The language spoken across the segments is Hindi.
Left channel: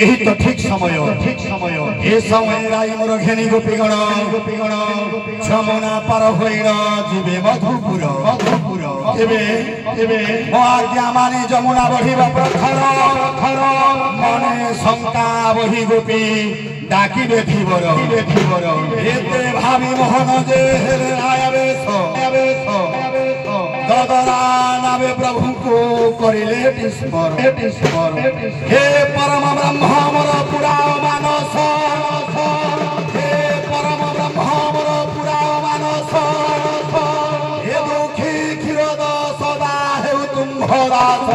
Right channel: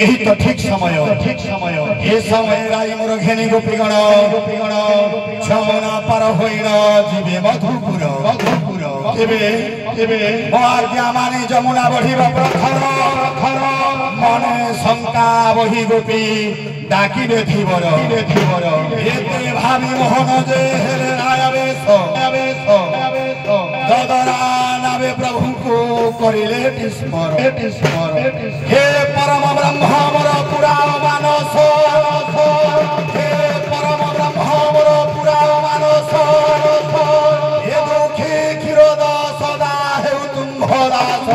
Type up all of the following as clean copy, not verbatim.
यही तो ठीक समय ये समय राई मोर घेनी गोपीगण छमुना पार होइना जीवे मधुपुर मो आज्ञा मानी जमुना बढ़िबा प्रथर मने शंका बही गोपी डाकिबे थिबर एते भावी मोहन जे आयावेश ददरा नावे प्रभु को करिले टिस्पर हे परम ब्रह्म मोर पुराण मानस हे परम ब्रह्म मोर पुराण मानस हे दुखी क्षीरोद सदा हेउ तुम्भ दास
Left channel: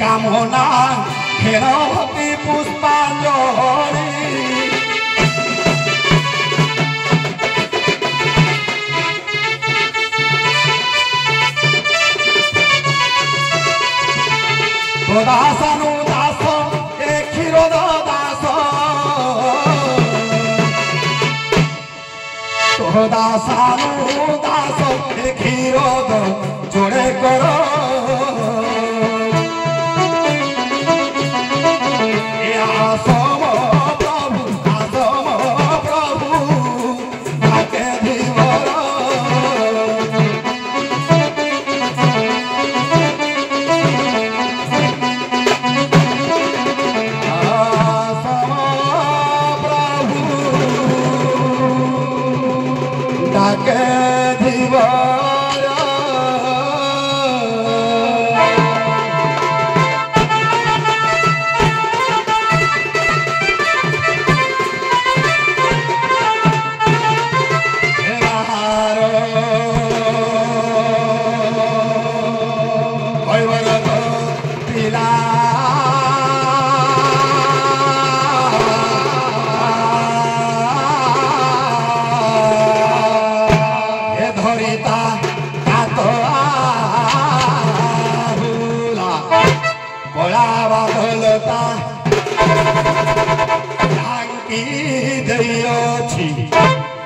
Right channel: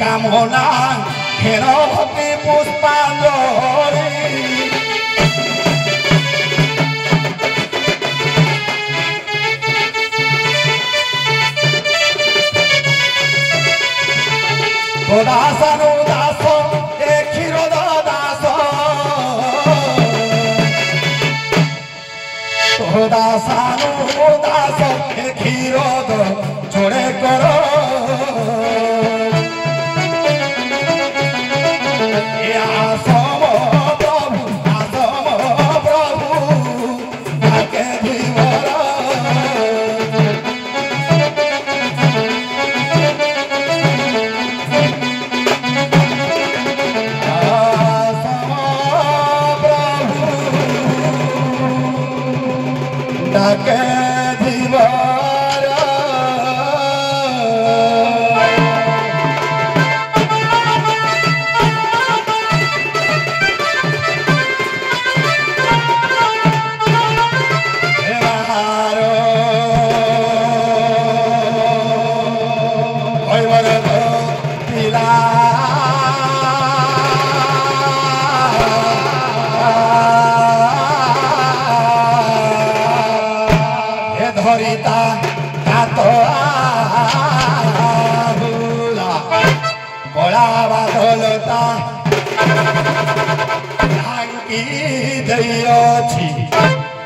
कामना घेर भक्ति पुष्पांजलि दास ए क्षीरोद दास दास ए क्षीरोद जोड़े करो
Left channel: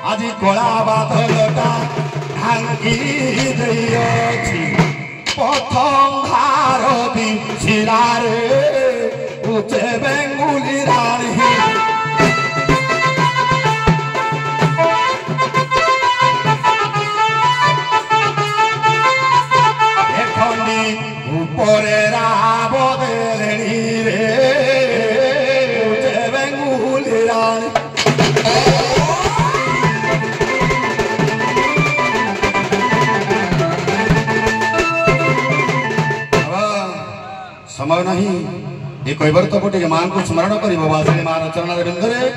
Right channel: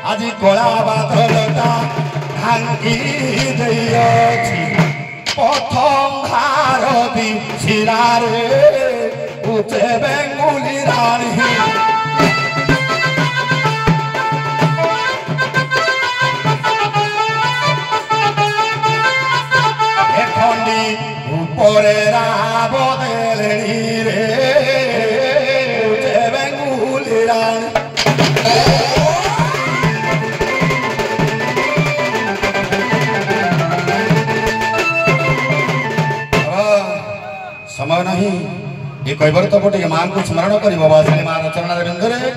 आज कला बादलता ढांकी प्रथम भारती शिलारे उचे बेंगुली रानी ऊपरे राबदेली रे उचे बेंगुली रानी समय नहीं ये कहबर तो गोटे माँ को स्मरण कर बाबा से माँ चरण बिंदुरे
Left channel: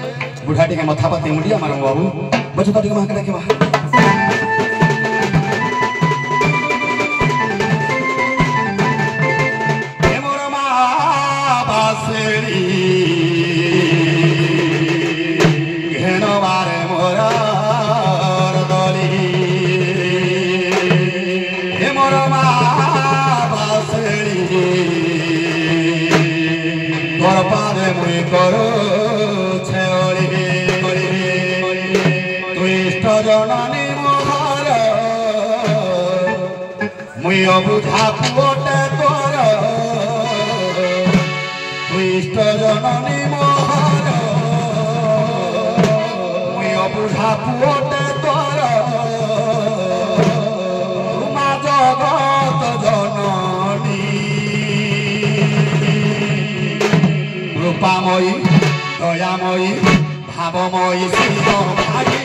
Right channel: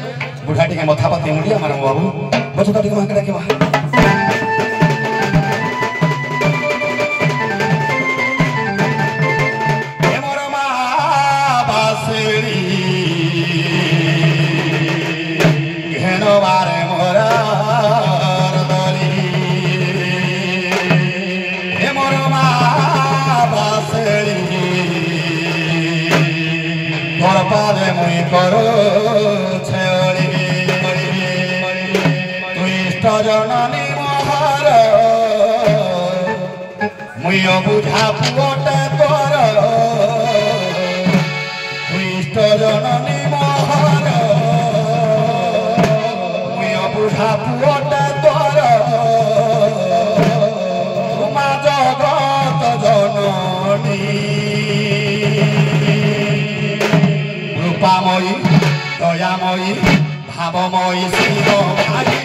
बुढ़ा टे मथा पाती मुंडिया मार बाबू बच्चे तो माँ के देखा करो जननी मोहर मुई बुझा पुटे तोर इष्ट जननी मोहर मुई बुझा पुटे तोर तुमा जगत जननी रूपामयी दयामयी भावमयी शिव भाई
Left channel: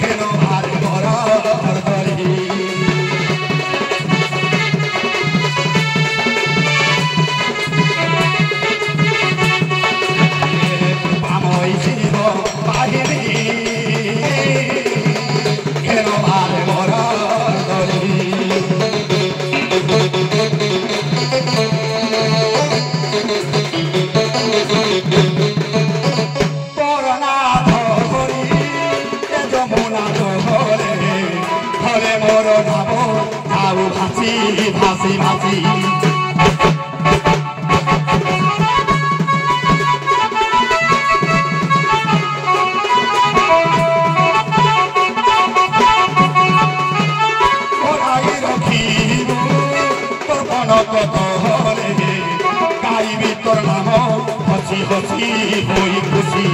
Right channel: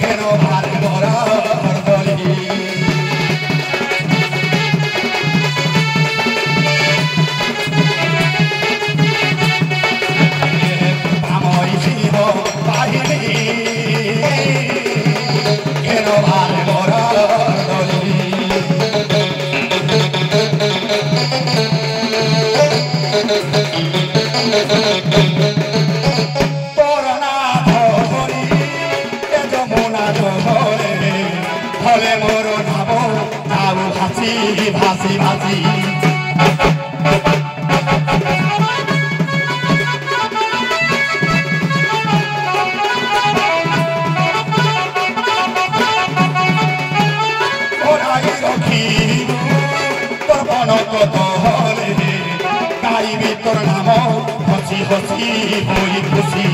हेनो भारी मोरा हरदली रूपामयी शिव बाहिनी हेनो भारी मोरा हरदली भासी भासी रखी तोर मन कत हरे गाइबी तोर नाम हसी हसी होई खुशी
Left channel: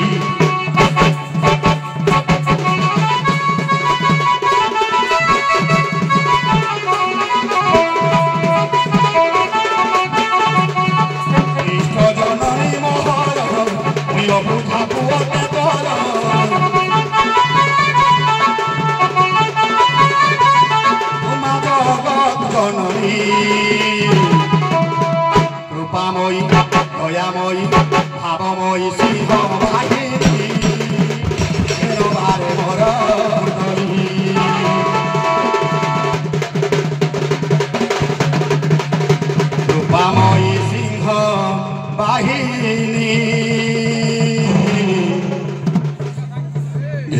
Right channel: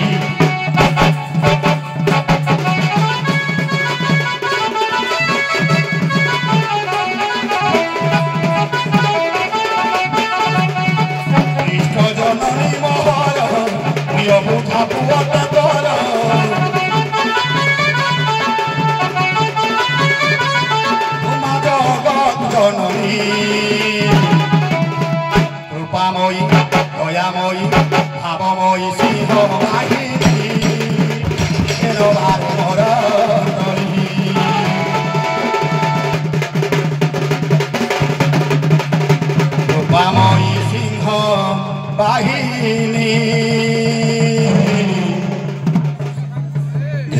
रूपामयी दयामयी भावमयी शिव भागिनी हेनो भारे मोर रूपामयी सिंह बाहिनी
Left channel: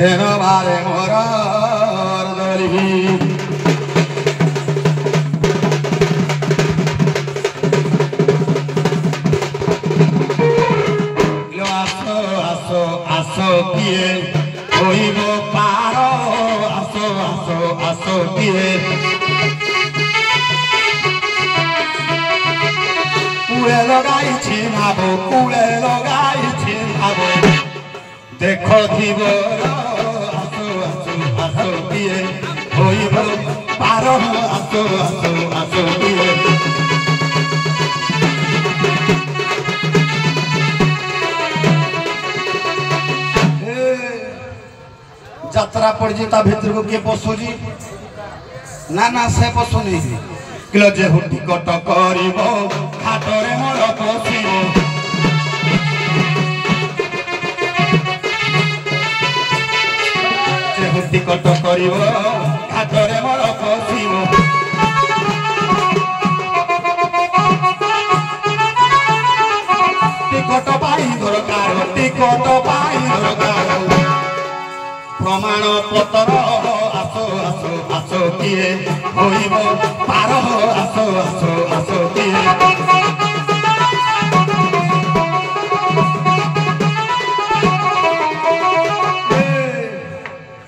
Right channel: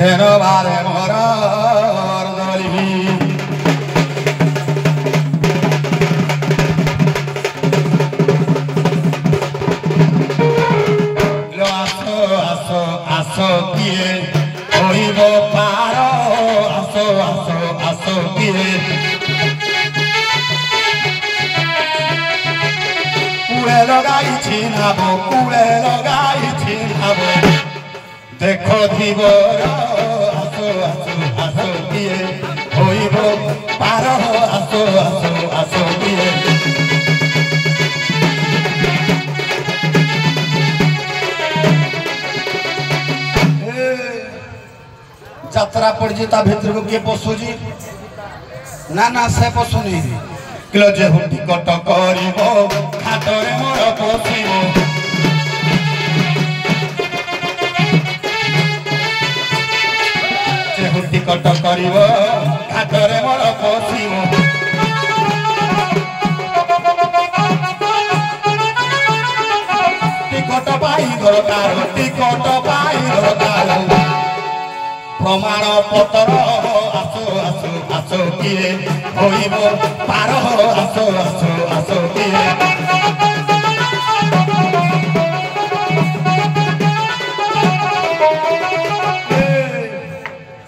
हेनो भारे मोर आसो किए होइब पार आसो आसो आसो किए कूड़े लगाई छिनाबो कूड़े लगाई छिनाबो देखो धीबर आसो आसो आसो किए होइब पार आसो आसो आसो किए यात्रा पड़ी ता भितर को किए पशुजी ना ना से पशुनी किलो जे टिकट करिबो घाटरे मोर पशिबो जे टिकट करिबो घाटरे मोर पशिबो टिकट पाई दरकार प्रमाण पत्र आसो आसो आसो किए होइब पार आसो आसो आसो किए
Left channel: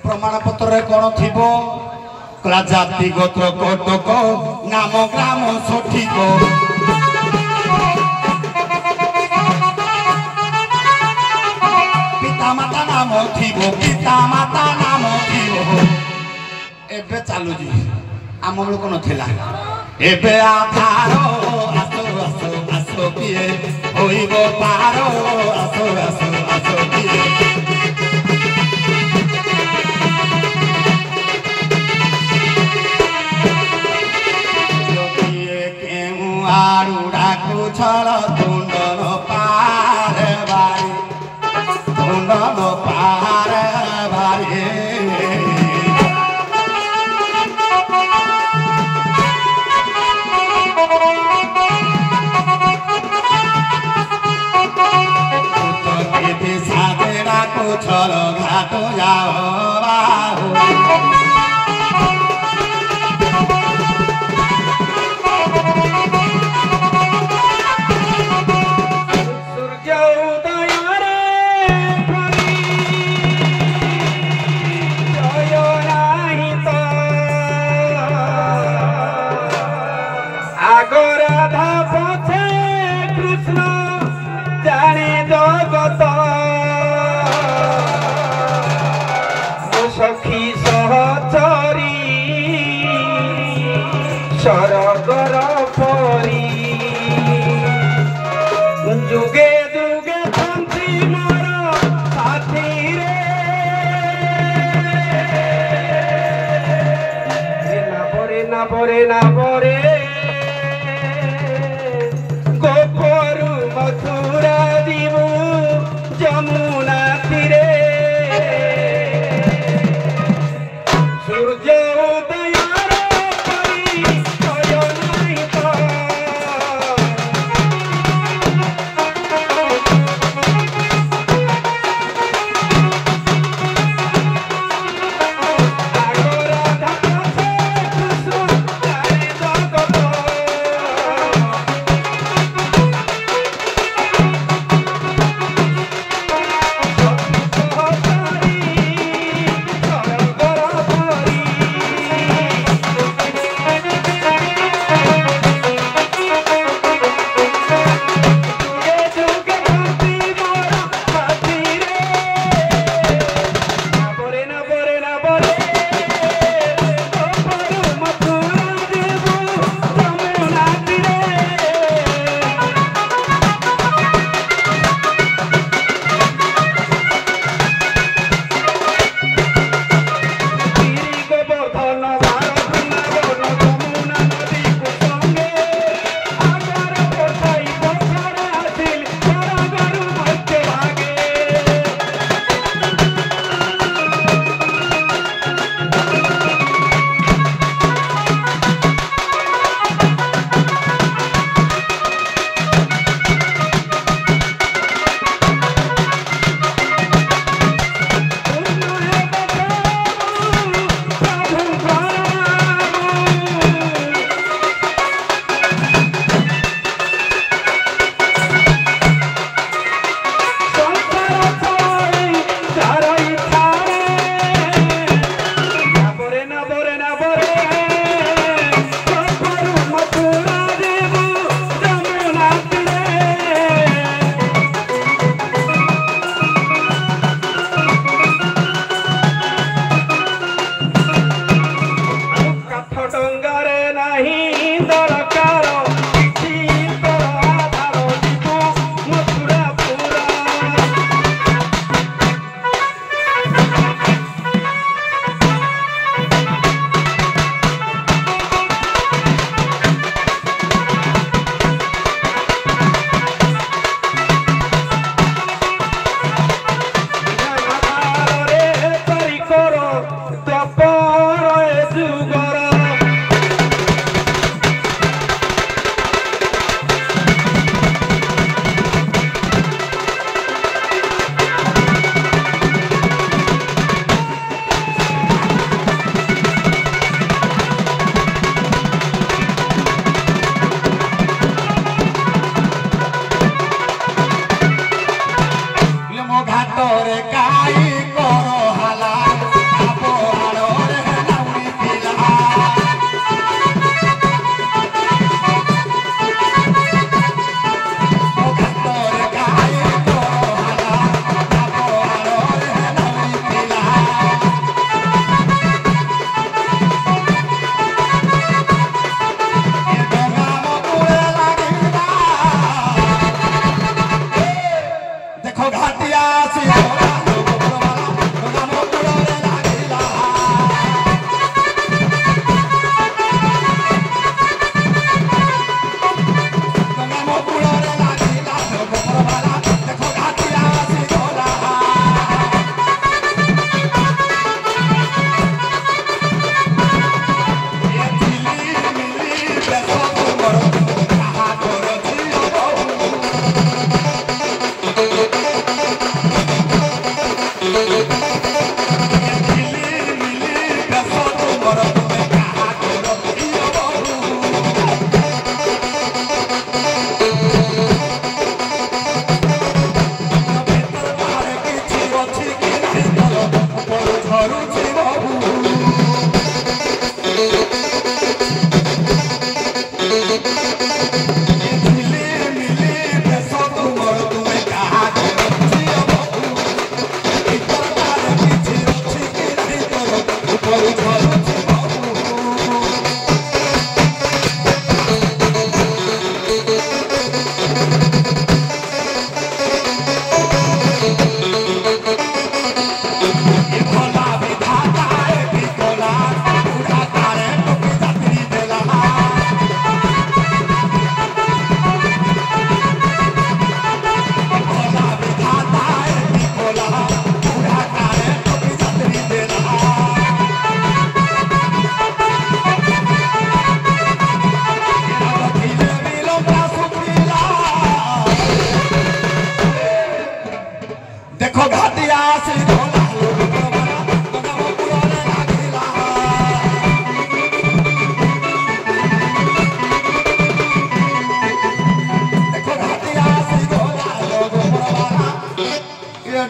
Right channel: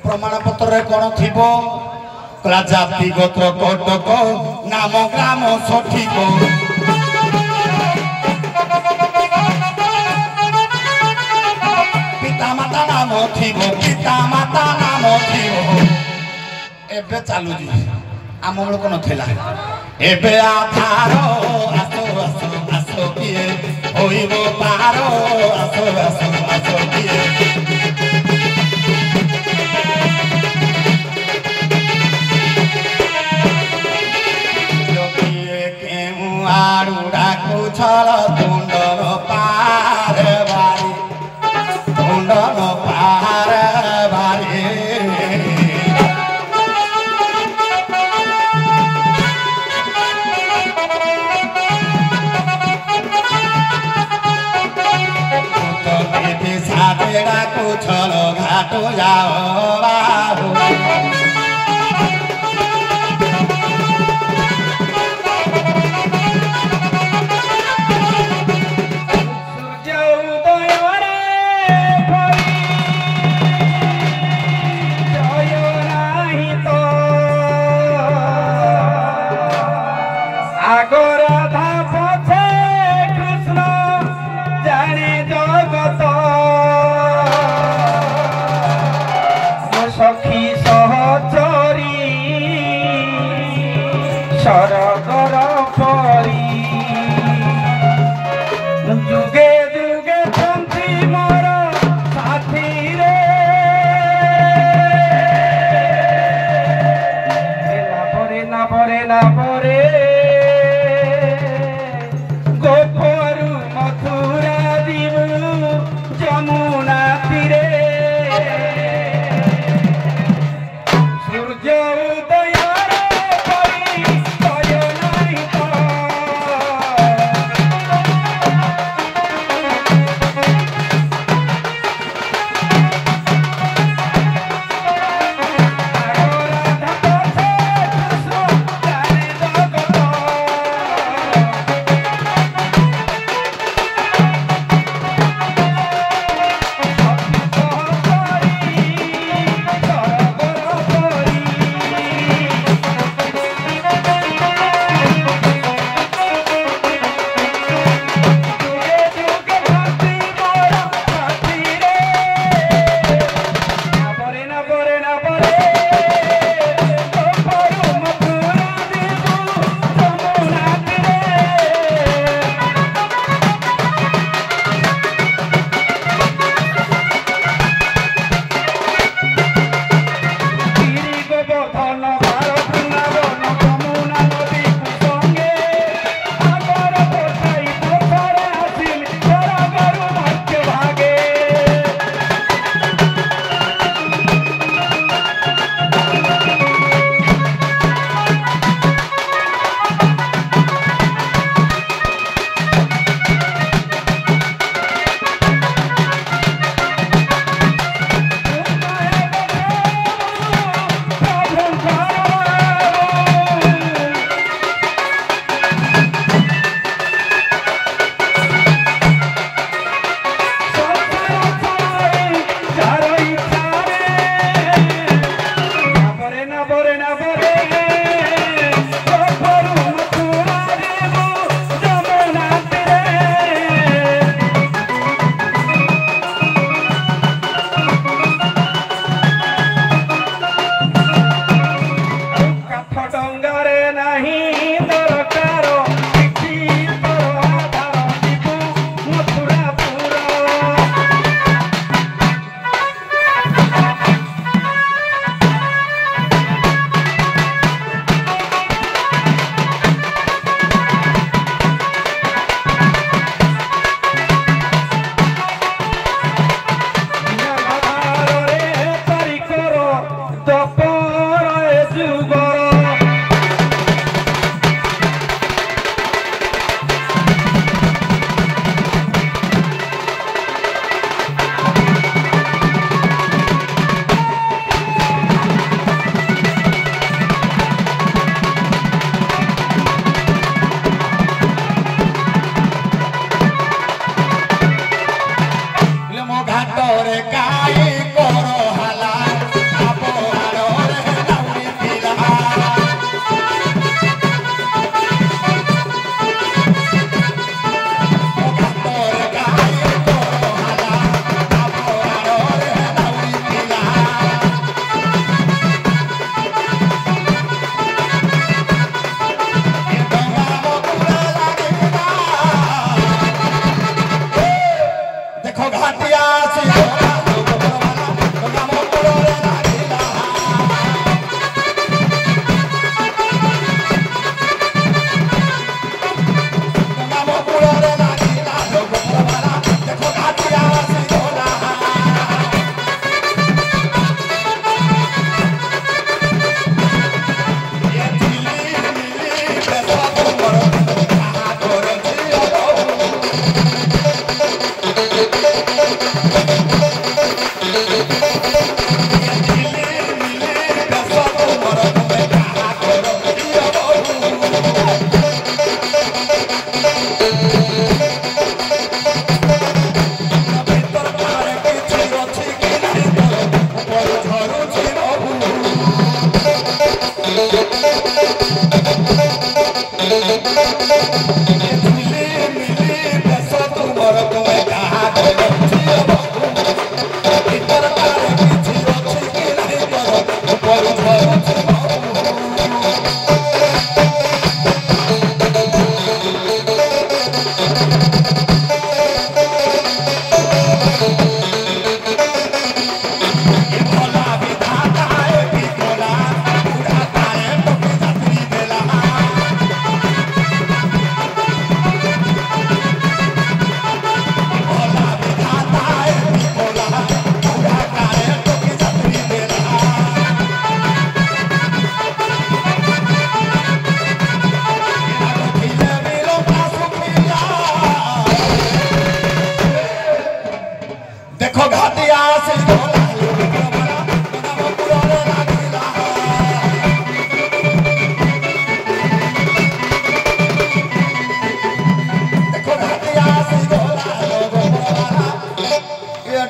प्रमाण पत्र कौन थी जाति गोत्र कटक नाम ग्राम सठिक पितामाता नाम थी पितामाता नाम थी एबे चालू आम बेलू नथिला एबे आधार आसो आसो आसो किए होइब पार आसो आसो आसो किए आरू কুছল তুণ্ডন পারে বাড়ি তুণ্ডন পারে বাড়ি সাদেরা কুছল ঘাট যাও বাহু সখী সহচরী সরগর পরি যুগে যুগে শান্তি মর সাথী রে না পরে না পরে না পরে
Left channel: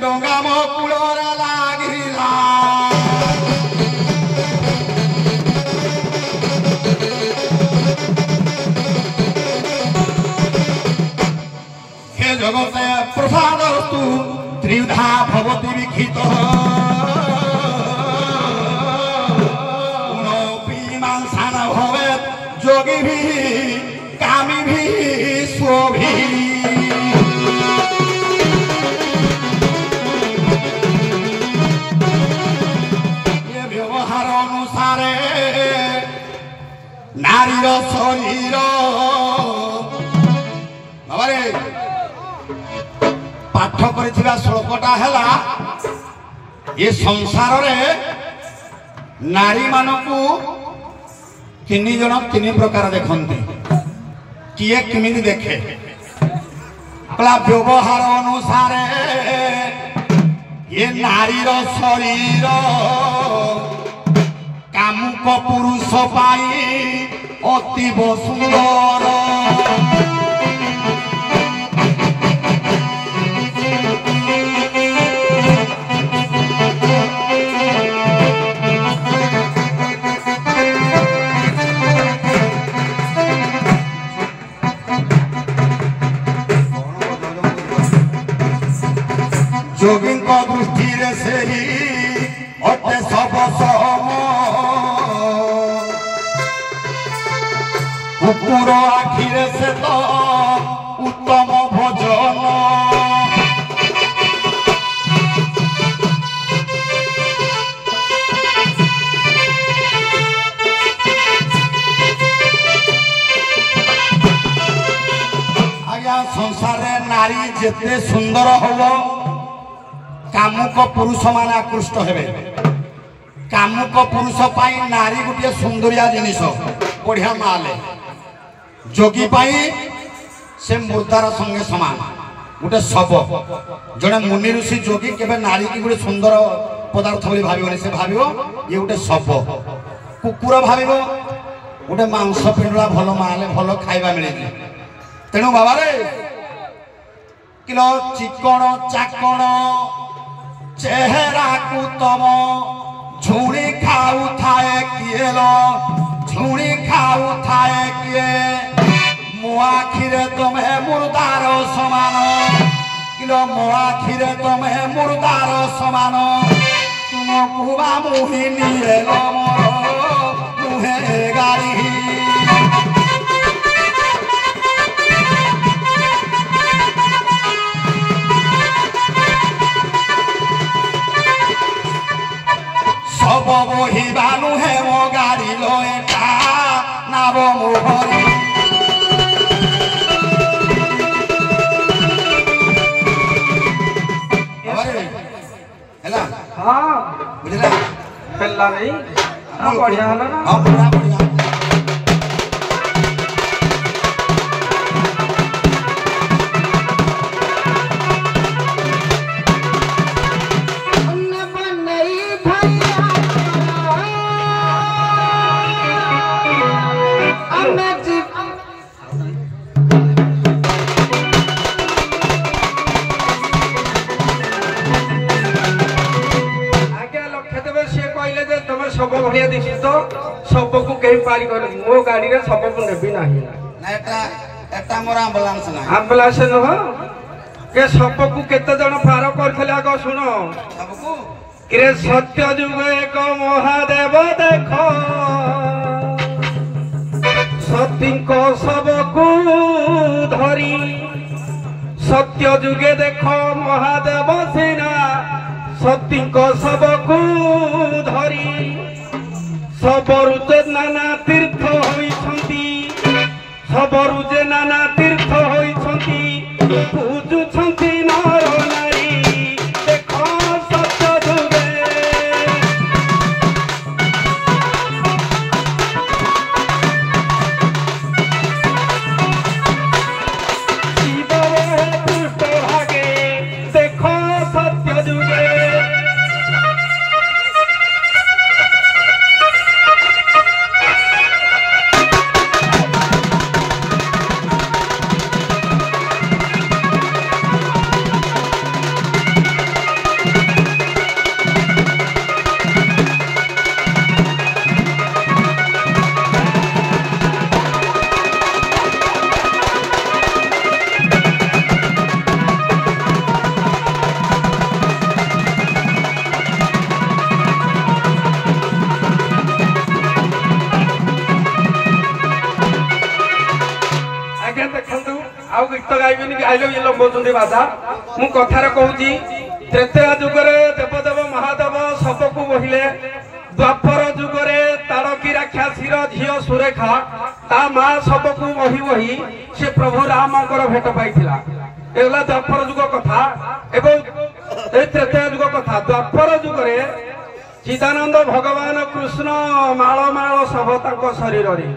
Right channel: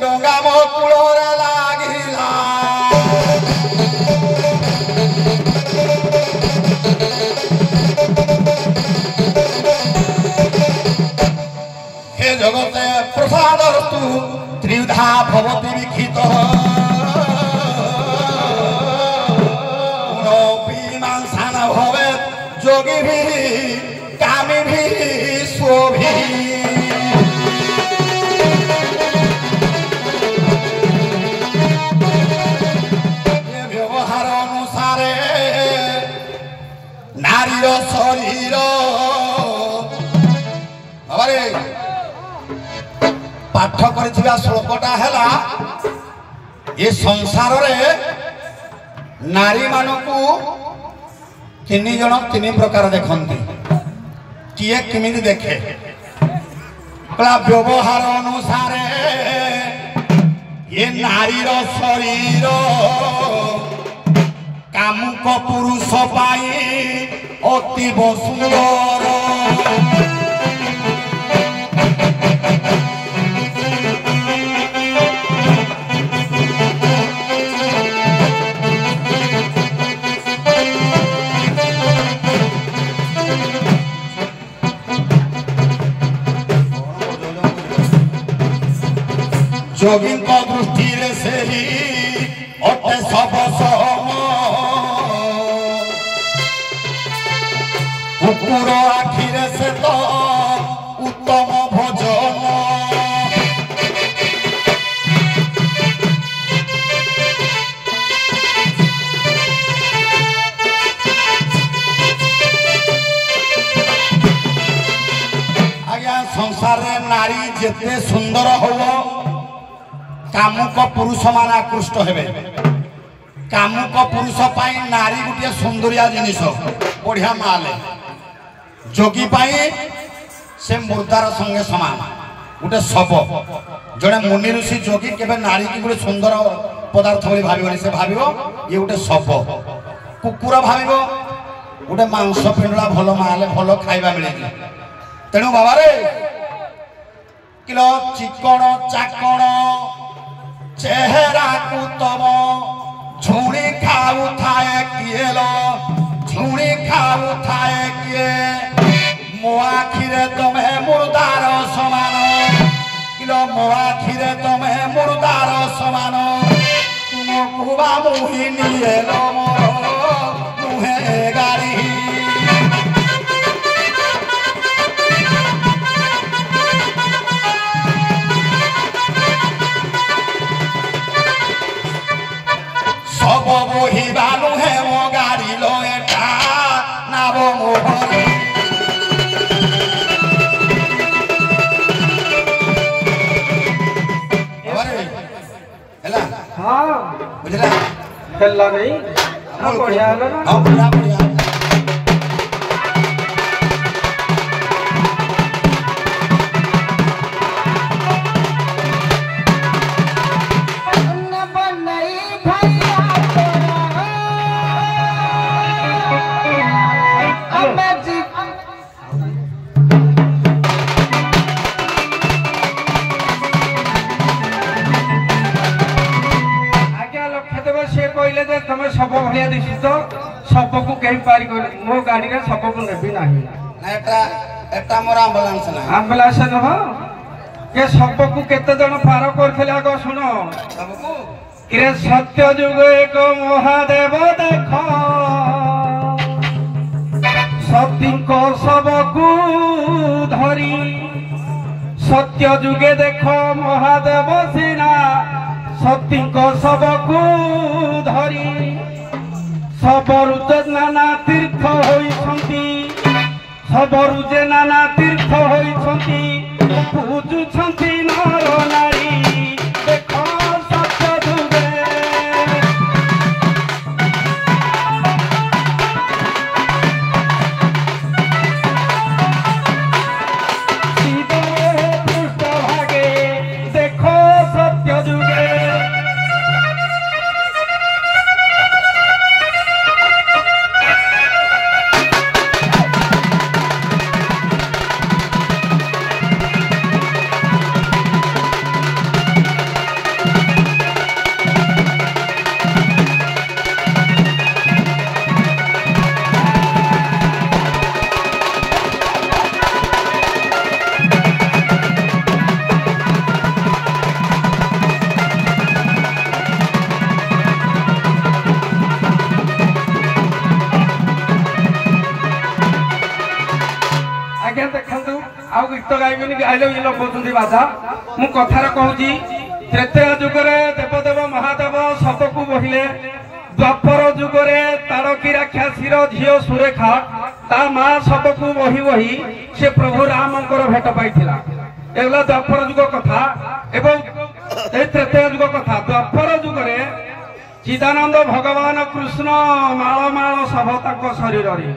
डोंगा मो कुड़ोरे लागिला हे जगते प्रसादस्तु त्रिविधा भवति विखित मान भवेत् जोगी भी कामी भी शोभी नारीर शरीर बाबारे पाठ कर श्लोकटा है ये संसार रे नारी मानकू तीन जन तीन प्रकार देखते किए किमी देखे व्यवहार अनुसार ये नारीर शरीर कामुक पुरुष पाई अतीब सुंदर जोगी दृष्टि से ही अटे सब सम कुकुर आखिरे से तो उत्तम भोजन आज्ञा संसार रे नारी जिते सुंदर हो कामुक पुरुष मान आकृष्ट हेबे कामुक पुरुष पाई नारी गोटे सुंदरिया जिनिस बढ़िया माले जोगी पाई से मुर्दार संगे समान गोटे शव जड़े मुनि ऋषि जोगी केबे नारी की गोटे सुंदर पदार्थ बोली भाविबनी से भाविबो ये गोटे शव कुकुर भाविबो गोटे मांस पिंडला भल माले भल खाइबा मिले तेणु बाबा रे किलो चिकण चाकण चेहरा को तम झुणी खाऊ थाए किए लो झुणी खाऊ थाए किए मो आखिरे तमे मुर्दार समान किलो मो आखिरे तमे मुर्दार समान तुम कुबा मुही निये लो मुहे गाड़ी सब मोहिबा नुहे मो गाड़ी लो एटा नाव मोहन हेला हां बुझला हेला नहीं बढ़िया हला ना हां पूरा बढ़िया सब बढ़िया दिशी तो सब को कहीं पारी कर मो गाड़ी रे सब को नेबी नाही এটা মোর আম্বুলান্স না আম্বুলান্স নহ এ সবকু কেতে জন পার করছিলে আগ শুন সবকু কিরে সত্য যুগ এক মহাদেব দেখ সতীঙ্ক সবকু ধরি সত্য যুগে দেখ মহাদেব সিনা সতীঙ্ক সবকু ধরি সবরু যে নানা তীর্থ হইছন্তি সবরু যে নানা তীর্থ হইছন্তি পূজুছন্তি নর নারী দেখ সত্য যুগে শিবরে পুষ্ট ভাগে দেখ সত্য যুগে गीत गाइबी कि आइल ये लंबुंट बाधा मु कथार कहूँ त्रेतया जुगरे देवदेव महादेव सबको बहिले द्वापर जुगरे तारकी राक्षसीर झील सुरेखा ता माँ सबको बही बही से प्रभु रामकर भेट पाइथिला एगला द्वापर जुग कथा एवं त्रेतया जुग कथा द्वापर जुगरे चिदानंद भगवान कृष्ण माल माल सब तांको शरीर रे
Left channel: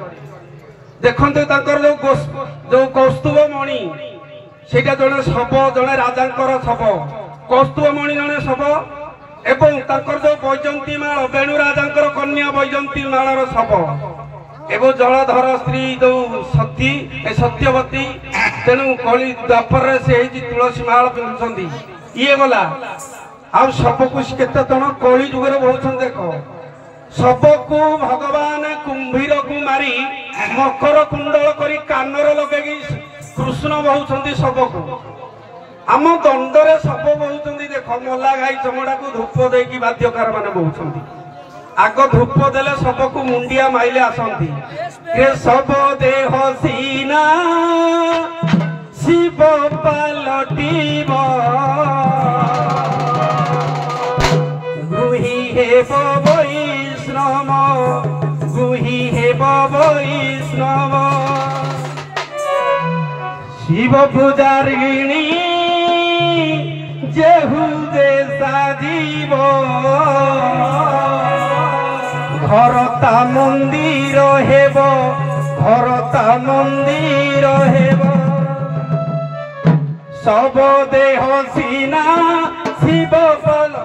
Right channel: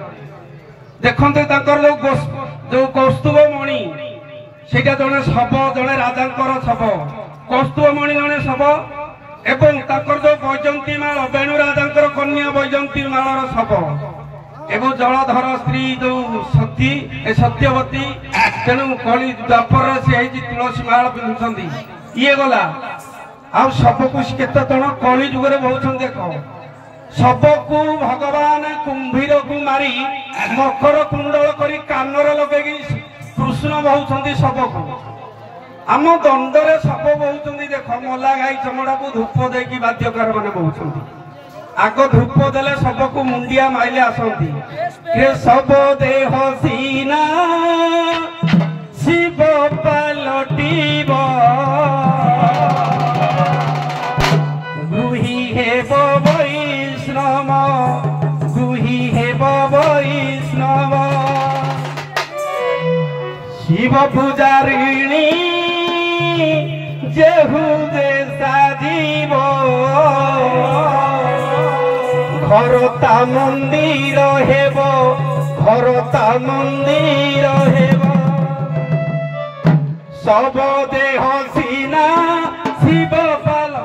देखते जो कौस्तुभ मणि से जड़े शब जड़े राजा शब कौस्तुभ मणि जड़े शब एवं जो बैजंती माल बेणु राजा कन्या बैजंती मालर शब एवं जलधर स्त्री जो सती सत्यवती तेणु कली द्वापर से तुलसी माल पिंधुंट ये गला आ सबको केते जन कली जुगे बहुत देख सबको भगवान कुंभीर को मारी मकर कुंडल करी कानर लगे कृष्ण बहुंट सबको आम दंडरे सब बहुंट देख मला गाई चमड़ा को धूप देकी बाद्यकार मान बहुंट आग धूप देले सबको मुंडिया माइले आसती सब देह सीना शिव पलटिब गृही हेब वैष्णव गृही हेब वैष्णव शिव पूजारिणी जेहू जे साजीब घरता मंदिर हेब घरता मंदिर हेब सब देह सीना शिव पल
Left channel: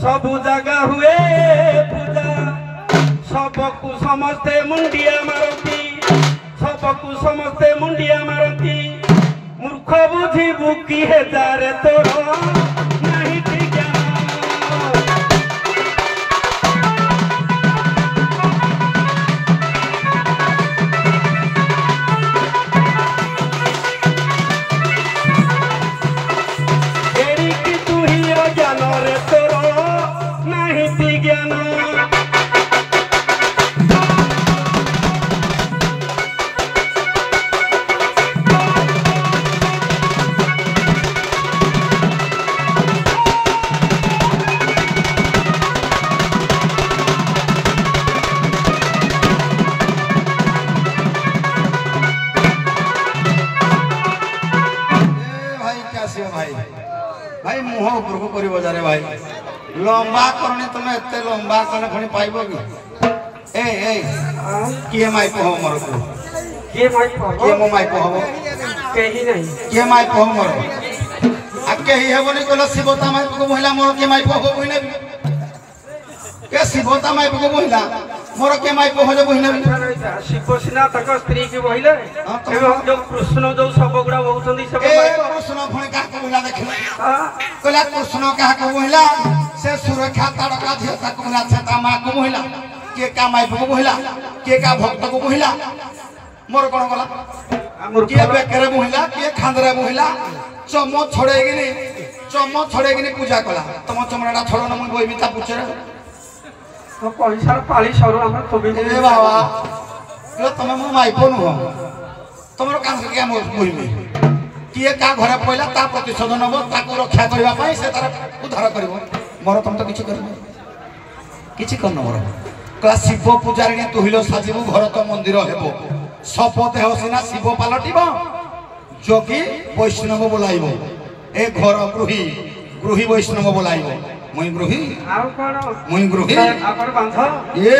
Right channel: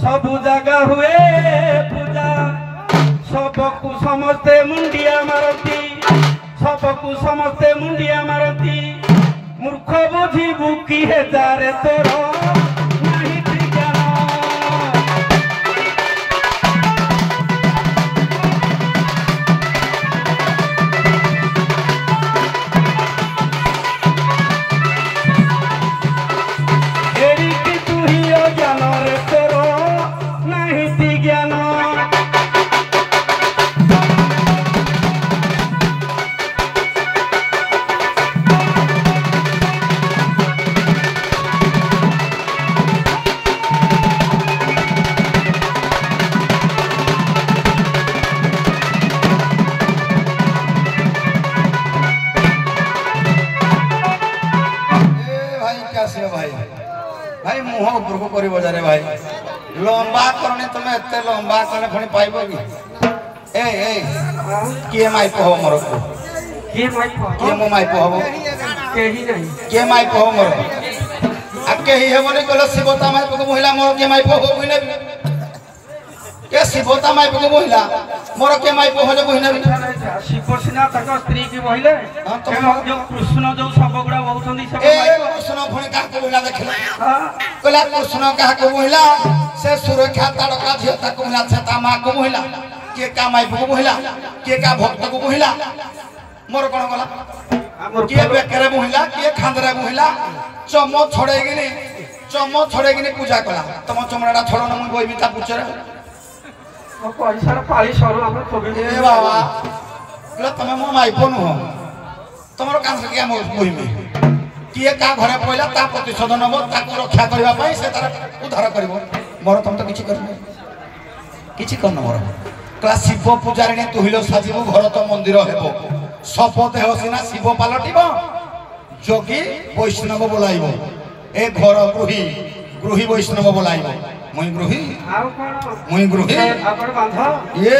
सबु जगह हुए पूजा सबको समस्ते मुंडिया मारती सबको समस्ते मुंडिया मारती मूर्ख बुझी बुकी है जारे तोर नहीं ठिकाना नीति ज्ञान भाई मुह ऊपर को करी बजारे भाई लंबा करनी तुम एते लंबा कले फणी पाइबो कि ए किए माइप हो मोर को के माइप हो के मो माइप हो केही नहीं के माइप हो मोर आ केही हेबनी कल शिवता माइप को महिला मोर के माइप हो बहिना के शिवता माइप को महिला मोर के माइप हो जे बहिना शिवसेना तक स्त्री की बहिले जो कृष्ण जो सब गुड़ा बहुचंदी सब माइप कृष्ण फणी का को महिला देखला हां कहला कृष्ण कहा को महिला से सुरक्षा तड़का धिया तक महिला से ता मां को महिला के का माइप को महिला के का भक्त को महिला मोर कोन बोला के बेकरे महिला के खांदरा महिला चमो छोड़ेगिनी पूजा कला तम चमड़ाटा छोड़ न मुई बोइबी ता पुछरे पैसा पाली सरू हम थोबी ए बाबा लो तमे मो माइप नु हो तमरो कान से के मोर बोइबी किए का घरे पइला ता प्रतिशोध नबो ताको रक्षा करबा पई से तार उद्धार करबो मोर तम तो किछि करनो किछि करनो मोर कला शिव पूजारी ने तुहिलो साजिबु घर तो मंदिर हेबो शपथ हो सिना शिव पालटिबो जोगी वैष्णव बोलाइबो ए घर गृही वैष्णव बोलाइबो मुई गृही आपण बांधा ए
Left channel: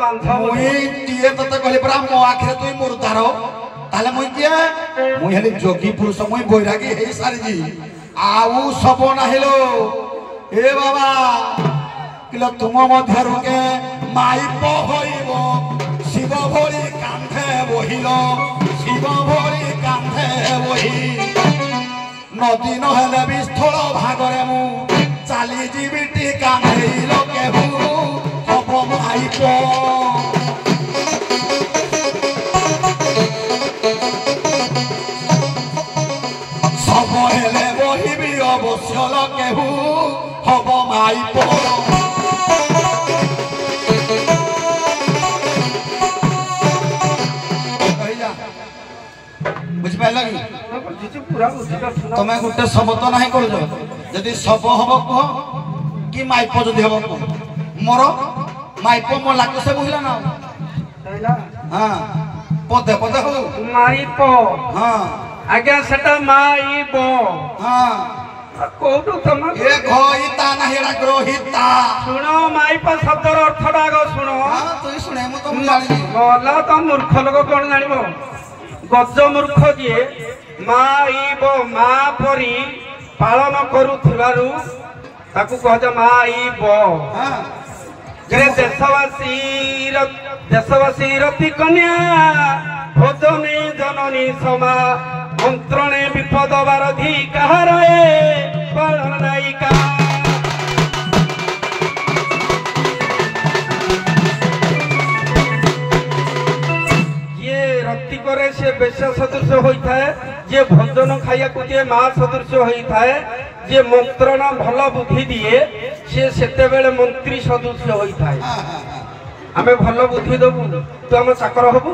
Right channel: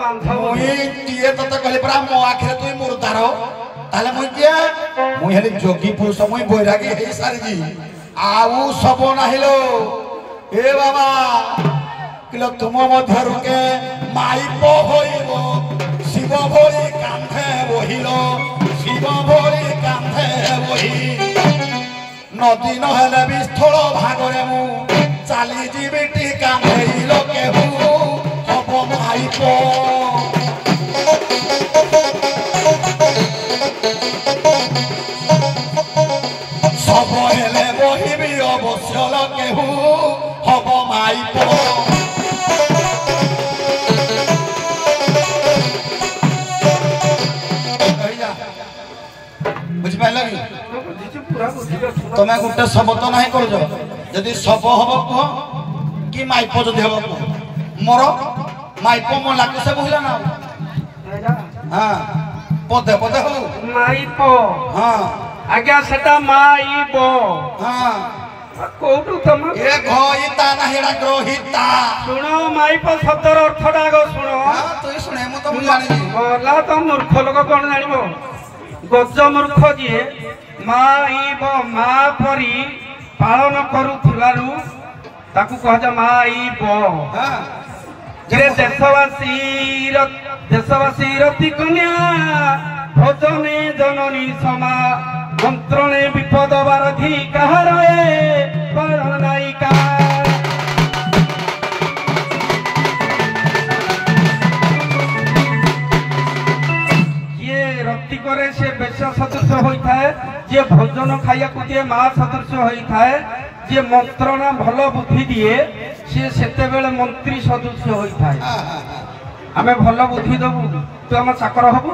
बांधा मुई तिए तते कहले परा मो आखिरे तुई मुर्दार ताले मुई के मुई हेले जोगी पुरुष मुई बैरागी हे सारी जी आउ सब नाहिलो ए बाबा किलो तुम मध्यरु के माइपो होइबो शिव भोरी कांधे बहिलो शिव भोरी कांधे बही नदी नहेले विस्थल भागरे मु चाली जीविटी कांधेइलो केहू हब माइपो सब हेले बहिबी अवश्य केहू हब माइपो बुझिपाइल कि तमे गोटे शब्द नाही कर जदि सब हब कह कि माइप जदि हब कह मोर माइप मो लागू से बुझला ना हां पदे पदे हबु माइप हां आज्ञा सेटा माइप हां कोटु तम ए घइता नाही एडा ग्रहिता सुनो माइप शब्दर अर्थटा गो सुनो हां तू सुने मु तो जानि होला तो मूर्ख लोक कोन जानिबो गज मूर्ख जिए माइब मा परी पालन करूथिलारु ताकू कहजा माइब हां जे देशवासी रति कन्या भोजने जननी समा मंत्रणे विपद बारधि कहार ए नायिका से बेश सदृश होता है जे भोजन खाइया को दिए मां सदृश होता है जे मंत्रणा भल बुद्धि दिए से सेते बेले मंत्री सदृश होता है आमे भल बुद्धि दबु तो हम चाकर हबु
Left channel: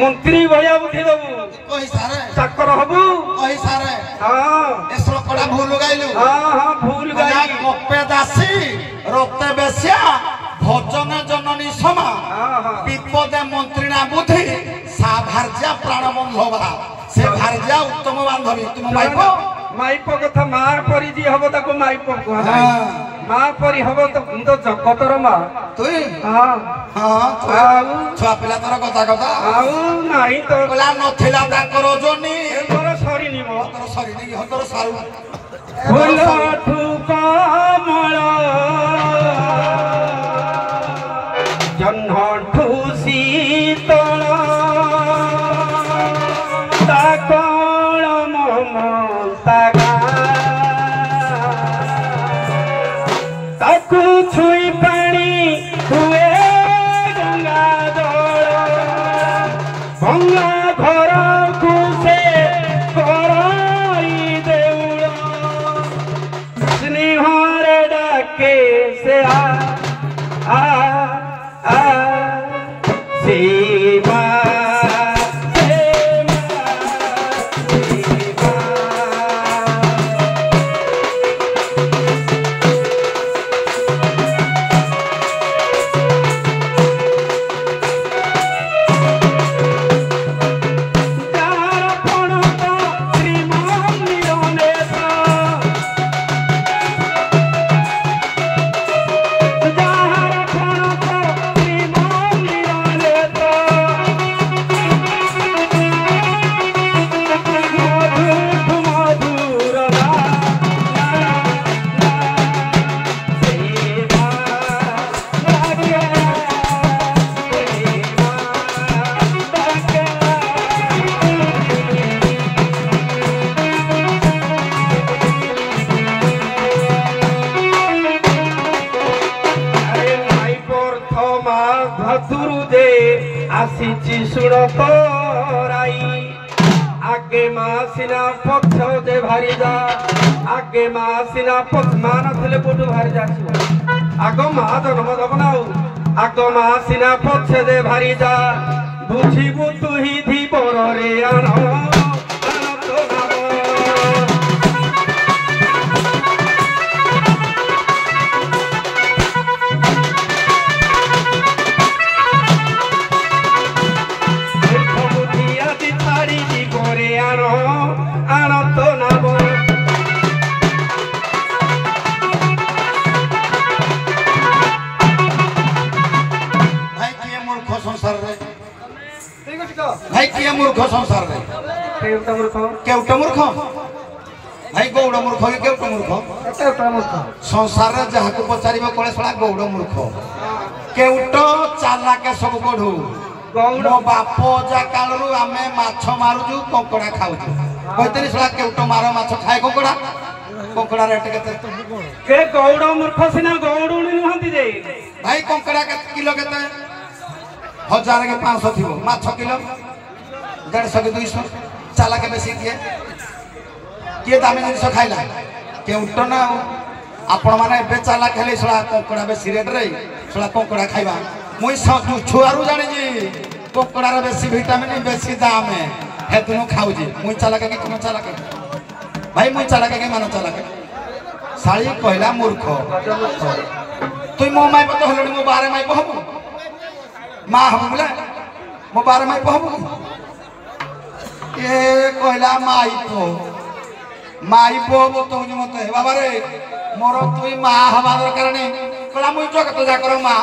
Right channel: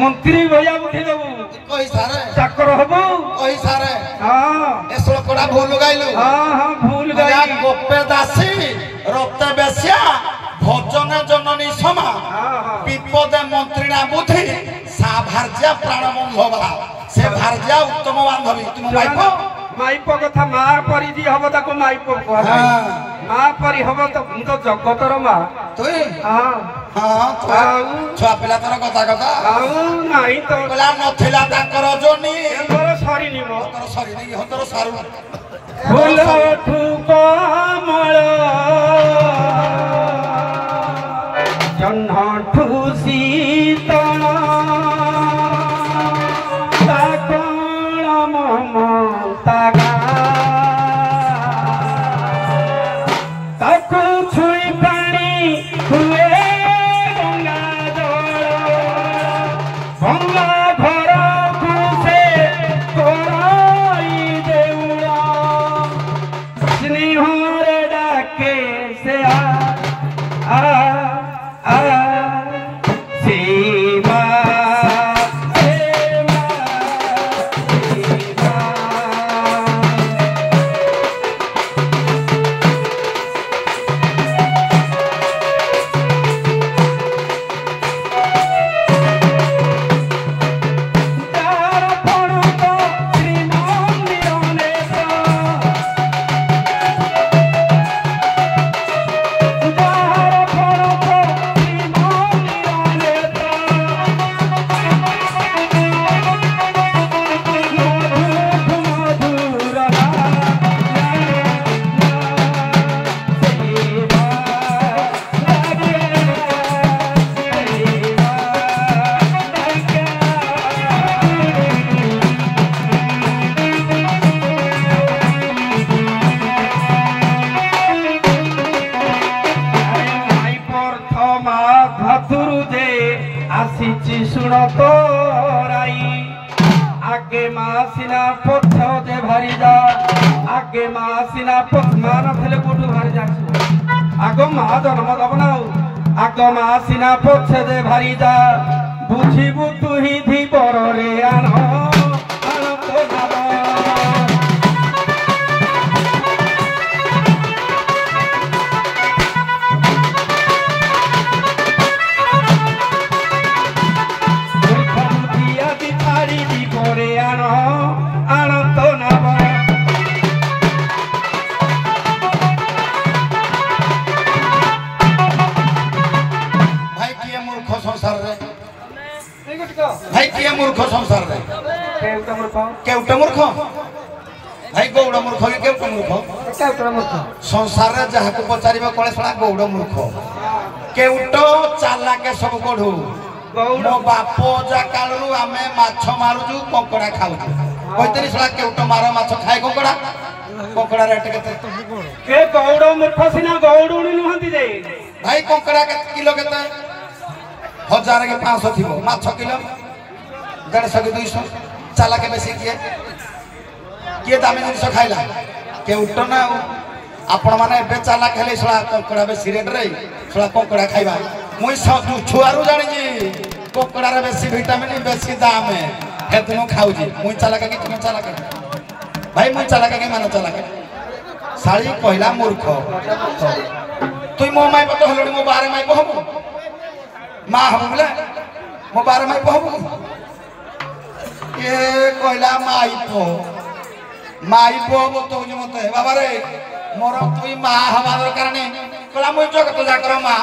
मंत्री भया बुद्धि दबु कहि सारे चाकर हबु कहि सारे हां ए श्लोकड़ा भूल गइलु हां भूल गई गोपे दासी रक्त बेस्या भोजन जननी समा विपदे मंत्रीना बुद्धि सा भार्या प्राण बंधवा से भार्या उत्तम बांधवी तुम माइप माइप कथा मार परी जी हबो ताको माइप कहै मां परी हबो तो जगतर मां तुई हां हां छुआ पिला तर कथा कथा आउ नाही तो बोला नथिला ताकर जोनी तोर सरी निमो तोर सरी नहीं हतोर सारू फूल ठुक मळ जन्ह ठुसी तळ ताकण ममता ताकू छुई पानी हुए गंगा घर से करई देउड़ा स्नेहर डाके से आगे मासिना पथ दे भारी जा आगे मासिना पथ मान थले कोठु भारी जा आगो मा जन्म दबना आगो मासिना पथ दे भारी जा बुझिबु तु ही धी बररे आन भाई किए मूर्ख संसार रे केउटा मूर्ख भाई गौड़ मूर्ख के केउटा मूर्ख संसार रे जहा को पचारिबो कोले सला गौड़ मूर्ख केउटो चाला के सब कोढू मो बापो जा कालरू आमे माछ मारुजु कंकड़ा खाउजु कहितरी सला केउटो मारो माछ खाए कंकड़ा रेट केते के गौड़ मूर्ख सिना गौड़ुणी नहंती जे भाई कंकड़ा के किलो केते 1000 के 500 थिबो माछ किलो 150 के 200 चाला के बेसी किए दामी जिनिस खाइला के उठ ना आपण माने एबे चाला खेले सला कंकड़ा बेसी रेट रे सला कंकड़ा खाइबा मुई छुआरू जानि जी कंकड़ा रे बेसी विटामिन बेसी दाम है हेतनु खाउ जी मुई चाला के तुम चाला के भाई मुई चाला के मानो चाला के साली कहला मूर्ख तुई मो माई पतो हलडी मो बारे माई कहबो मा हम बोले मो बारे माई कहबो ये कहला माई पो तो मते बाबा रे मोर तुई मा हवा दरकार नहीं कहला मुई जगत जाकर मा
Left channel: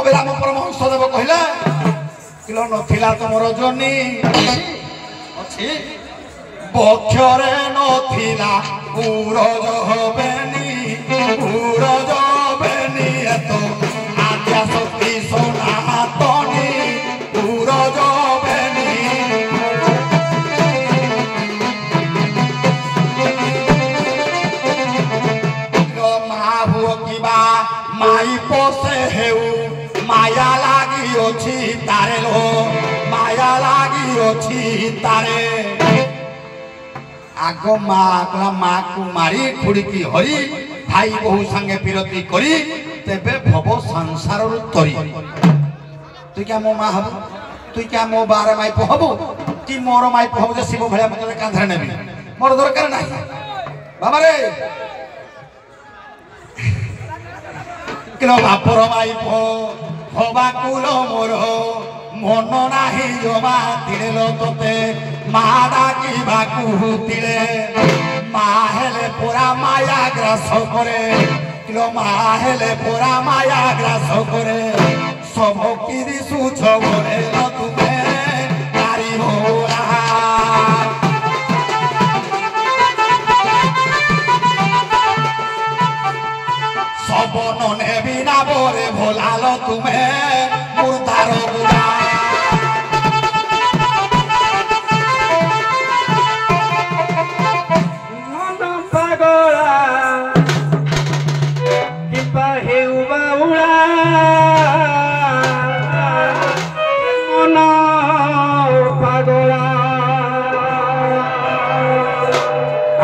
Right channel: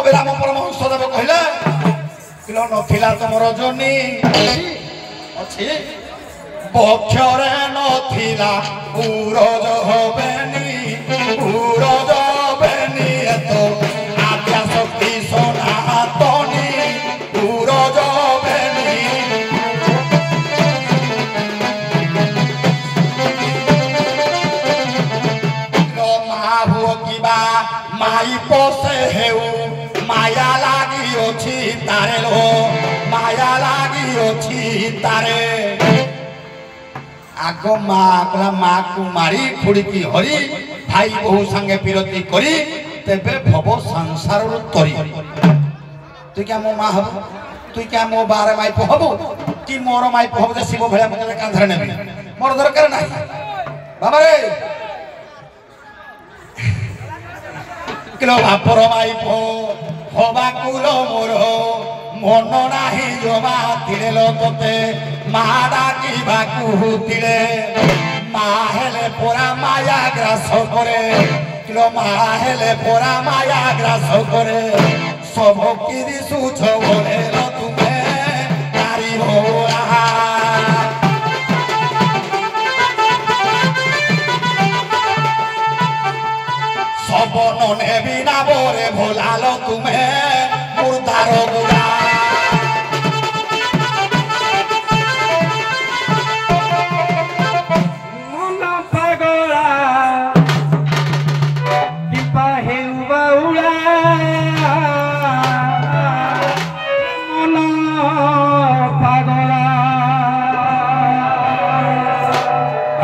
अबेरा मो परमहंस देव कहले किलो नथिला तमर जनी अछि बक्षरे नथिला उरज हबेनी उरज हबेनी एतो आद्या शक्ति सनातनी उरज हबेनी माई पोसे हेउ माया लागी अछि तारे लो माया लागी अछि तारे आगो माकला माकू मारी खुड़की हरी भाई बहु संगे पिरती करी तेबे भव संसार रु तरी तू क्या मो मा हबो तू क्या मो बारे माई हबो कि मोर माई हबो जे शिव भया मते कांधरे नेबी मोर दरकार नाही बाबा रे किलो बापर माई हवा कुलो मोर मन नाही जमा तिले लो तोते माडा की बाकू तिले मा हेले पोरा माया ग्रास करे किलो मा हेले पोरा माया ग्रास करे सब की दिसु छबरे लो तुमे नारी भोरा सबने बिना बोरे भोलालो तुम्हें मुर्दारो गुदा मना पागला दीपा हे उबाउला मना पागला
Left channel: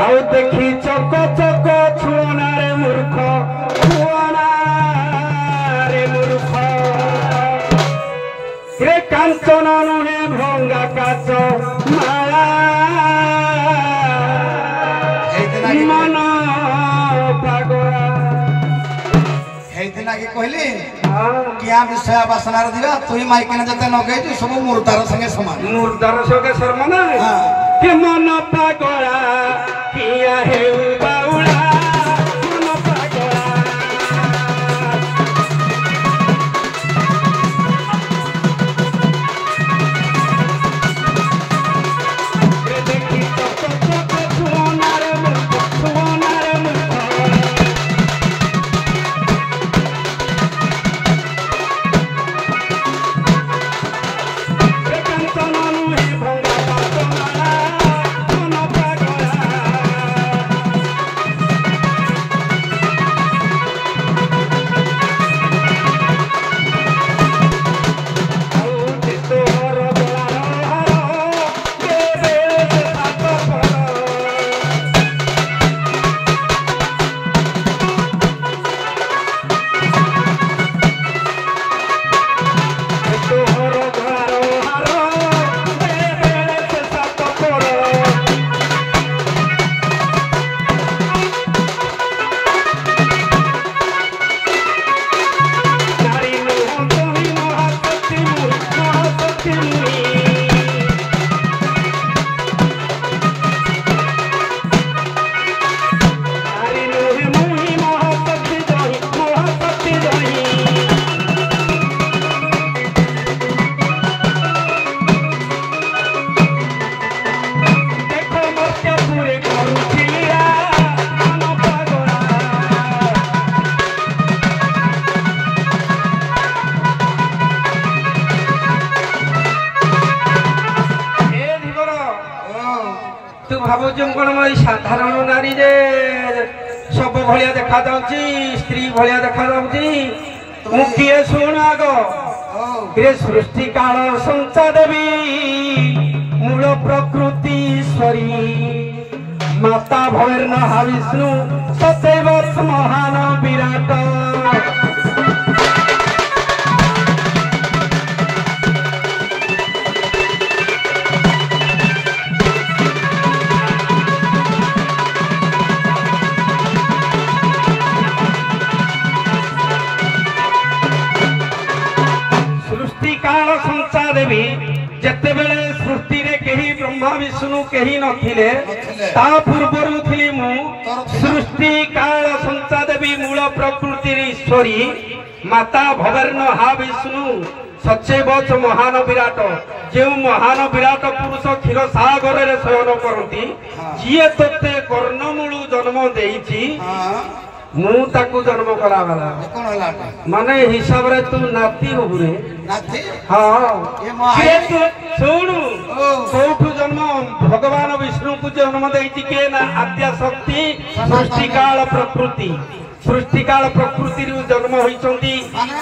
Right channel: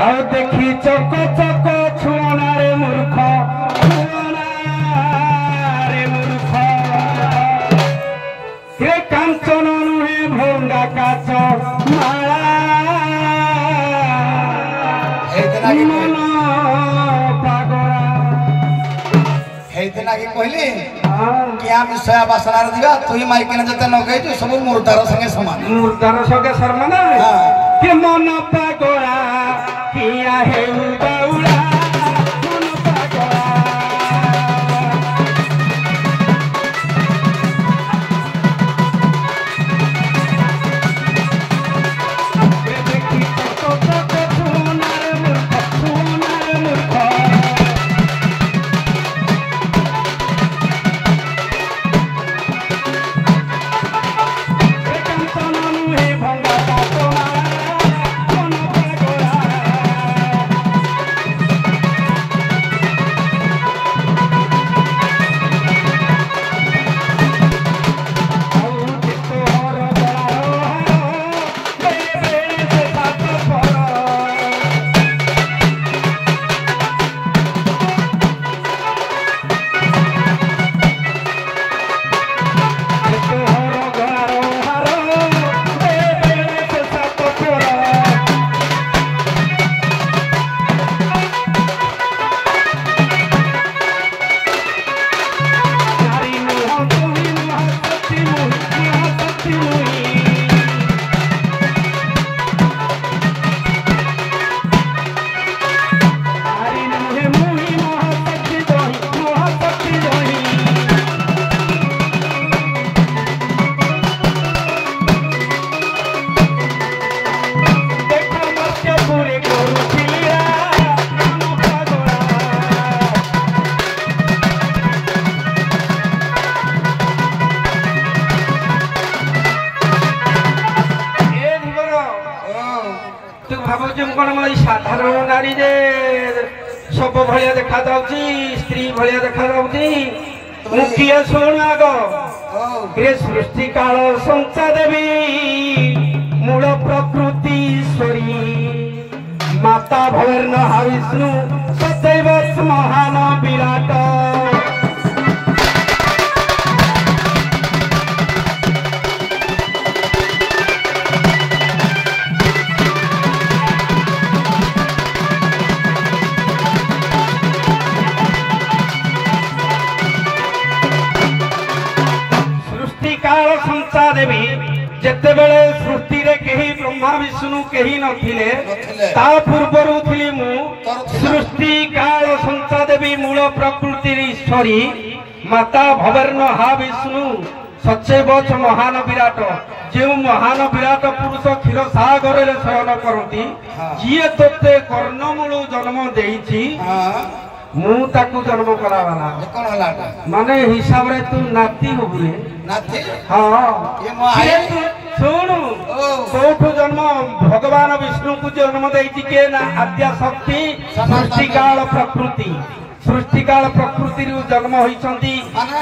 आउ देखी चक चक छुना रे मूर्ख छुआना कंचन नुहे भंगा काच माला मन पागला ହେଇଥିଲା କି କହିଲି କିଆ ବିଷୟ ବାସନାରେ ଦିବା ତୁଇ ମାଇକିନା ଯେତେ ନଗେଇଛୁ ସବୁ ମୁର୍ଦାର ସାଙ୍ଗେ ସମାନ मुर्दार सके शर्मा के मन पागला किया हेउ बाउला मन पागला देखी तो छुनार मूर्ख साधारण नारी जे सब भलिया देखा जाउची स्त्री भलिया देखा जाउची मुखिया सुन आगो रे सृष्टि काल संसा देवी मूल प्रकृति ईश्वरी माता भैरन विष्णु सदैव महान विराट जेते बेले सृष्टि रे केही ब्रह्मा विष्णु केही नथिले ता पूर्वरु थिली मु सृष्टि काल संसा देवी मूल प्रकृति ईश्वरी माता भवर्ण हा विष्णु सचैव महान विराट जे महान विराट पुरुष क्षीर सागर रे शयन करती जिए तोते कर्णमूल जन्म देइछि मु ताकू जन्म करा वाला माने हिसाब रे तू नाती होबु रे नाती हां ये सुनु कोठु जन्म भगवान विष्णु को जन्म देइछि के ना आद्या शक्ति सृष्टि काल प्रकृति रू जन्म होइछंती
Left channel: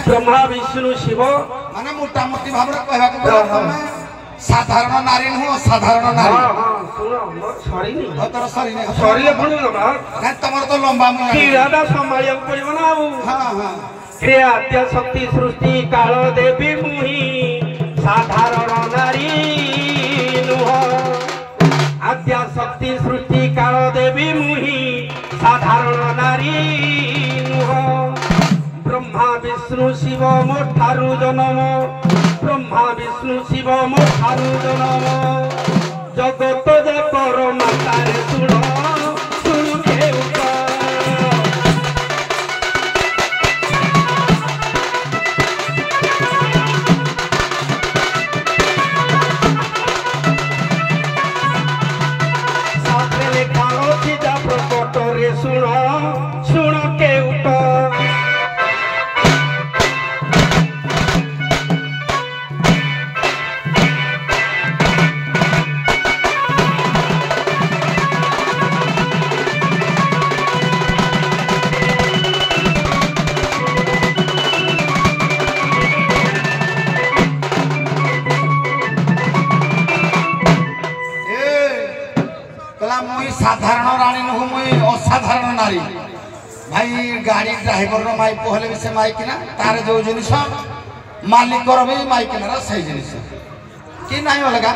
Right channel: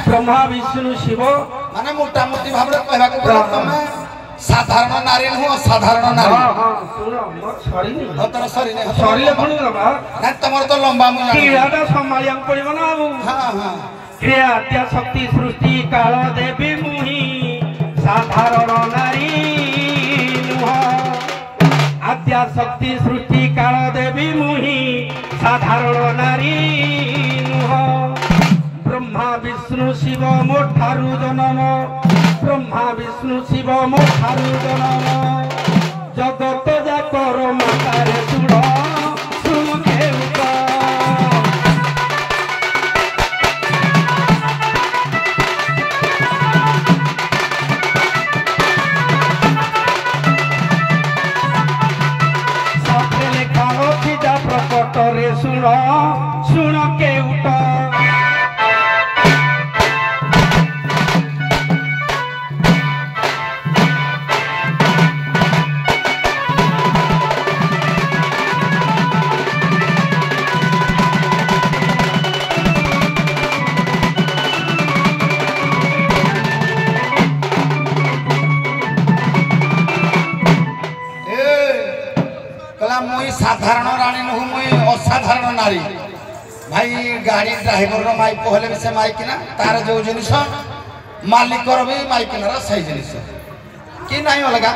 ब्रह्मा विष्णु शिव माने मोटा मोटी भाबरे कहबा को साधारण नारी नु साधारण नारी हां हां सुनो मोर सरी नहीं तोर सरी नहीं सरीले फुनु ना ना तमर तो लंबा मुया कीड़ाटा संभालिया पड़िबो ना बाबू हां हां हे आद्या शक्ति सृष्टि काल देवी मुहि साधारण नारी नुह आद्या शक्ति सृष्टि काल देवी मुहि साधारण नारी नुह ब्रह्मा विष्णु शिव मोठारु जन्म ब्रह्मा विष्णु शिव मोठारु जन्म जगत जाकर मातारे सुण सुनु देउत प्रकटरे सुण सुण केउट साधारण रानी नु मुई असाधारण नारी भाई गाड़ी ड्राइवर रो माइक कहले से माइक ना तार जो जिनिस मालिक रो भी माइक ना सही जिनिस कि नहीं अलगा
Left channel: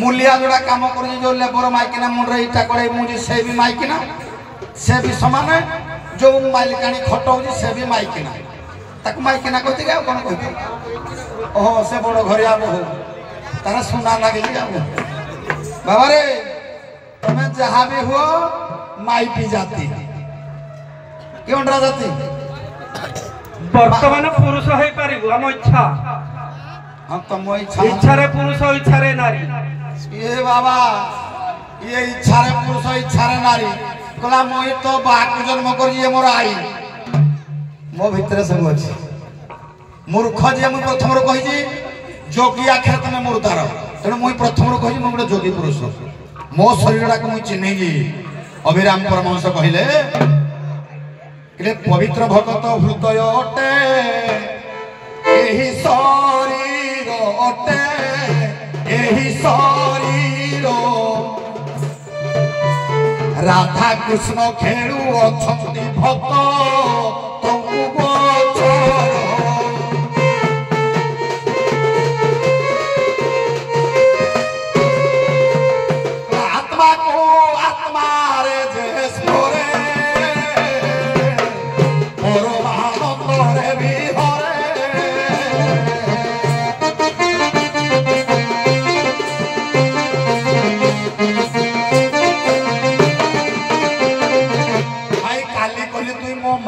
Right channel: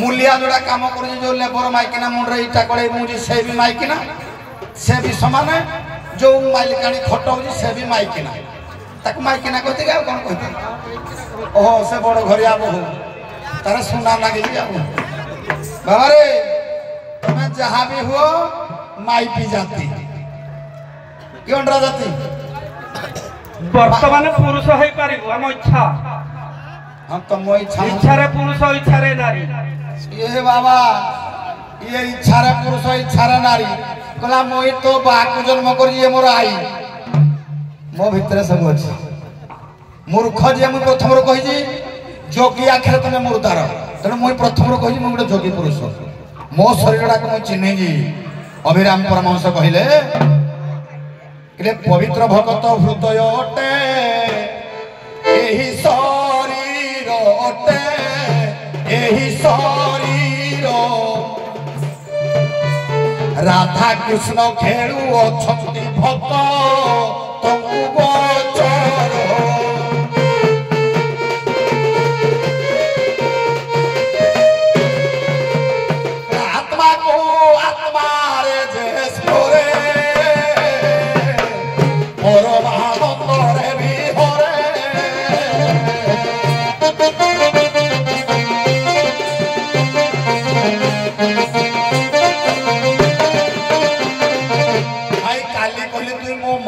मूलिया जोड़ा काम कर जो लेबर माइकिना मुंडे इटा कड़े मुझे से भी माइकिना से भी समान जो माइलिकाणी खटाऊँ से भी माइकिना ताको माइकिना कहते क्या कौन कहते ओहो से बड़ घरिया बहु तार सुना लगे बाबा रे तुम्हें जहाँ भी हो माइपी जाती क्यों डरा जाती वर्तमान पुरुष है पारिबो हम इच्छा हम तो मो इच्छा इच्छा रे पुरुष इच्छा रे नारी ये बाबा ये इच्छा रे पुरुष इच्छा रे नारी कला मोई तो बाकु जन्म कर ये मोर आई मो भितर सब अछि मूर्ख जे मु प्रथम रो कहि जी जोगी आखिर तुम मुर्दार तेणु मुई प्रथम रो कहि मु गोटे जोगी पुरुष मो शरीर को मु चिन्ह जी अभिराम परमहंस कहले इले पवित्र भगत हृदय अटे एही शरीर अटे एही शरीर राधा कृष्ण खेलु अछंती भक्त तमु गोचर आत्मा को आत्मा रे जेसोरे परमानंद रे भी हरे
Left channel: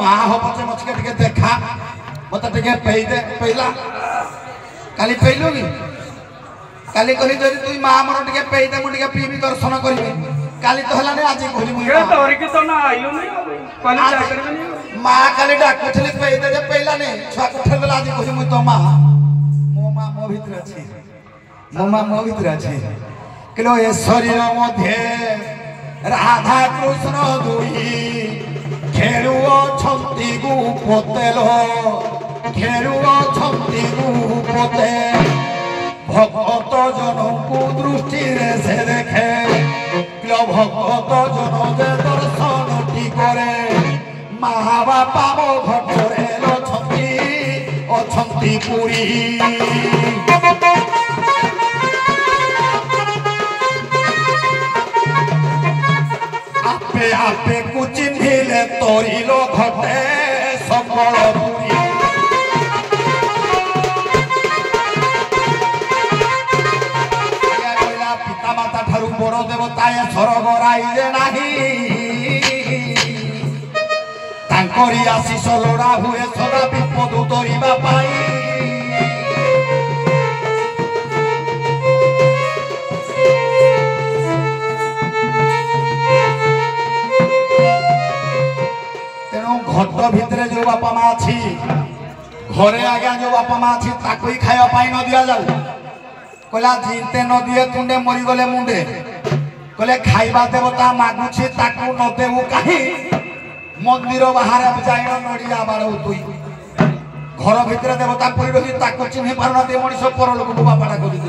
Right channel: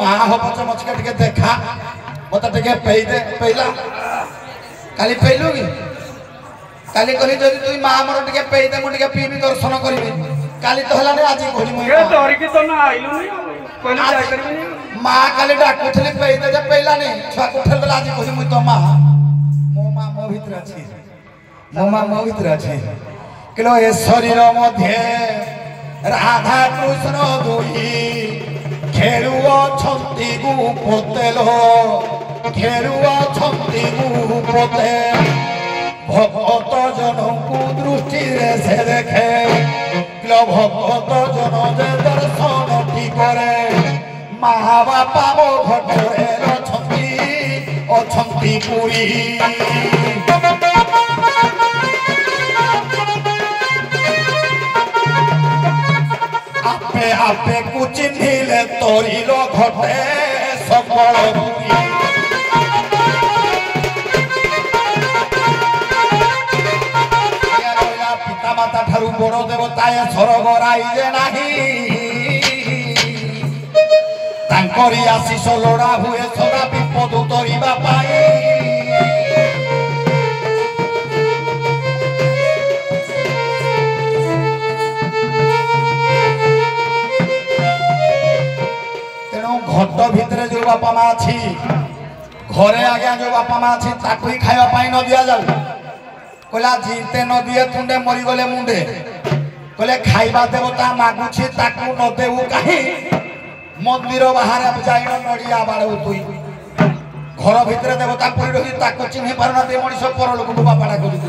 माँ हो पचे मचके टिके देखा मत टिके पेई दे पेइला काली पेइलुगी काली कहली जदी तुई माँ मोर टिके पेई दे मु टिके पीबी दर्शन करबी काली तो हला ने आज कहली मु ये तोरी की तो ना आइलु नहीं कहली जा करबी नहीं माँ काली डाकुथली पेई दे जे पेइला नहीं छुआ उठल बेला आज कहली मु तो माँ मो भीतर अछि मो माँ मो भीतर अछि किलो ए शरीर मध्ये राधा कृष्ण दुई खेलुओ छंती गुपोतेलो खेलुओ छंती गुपोते भक्त जनकु दृष्टि रे से देखे भक्त जन जे दर्शन की करे माँ बापा मो घटरे अछंती पुरी आपे आपे कुछ ढीले तोरिलो घटे सकल पुरी पिता माता ठारू बड़ देवताए स्वर्ग राइजे नाही तांकरी आशीष लोड़ा हुए सदा विपद उतरिबा पाई घट भितर जो बापा माँ अच्छी घरे आज्ञा जो बापा माँ अच्छी ताकू ही खाया न दिया जाऊ कहला जीते न दिए तुंडे मरीगले मुंडे कहले खाइबा देवता मागुछि ताकू न देबू कहीं मंदिर बाहर जाइन नड़िया बाड़ू तुई घर भितर देवता पड़ी रही ताकू चिन्ह पारना दे मनीष पर लोक बापाटा कर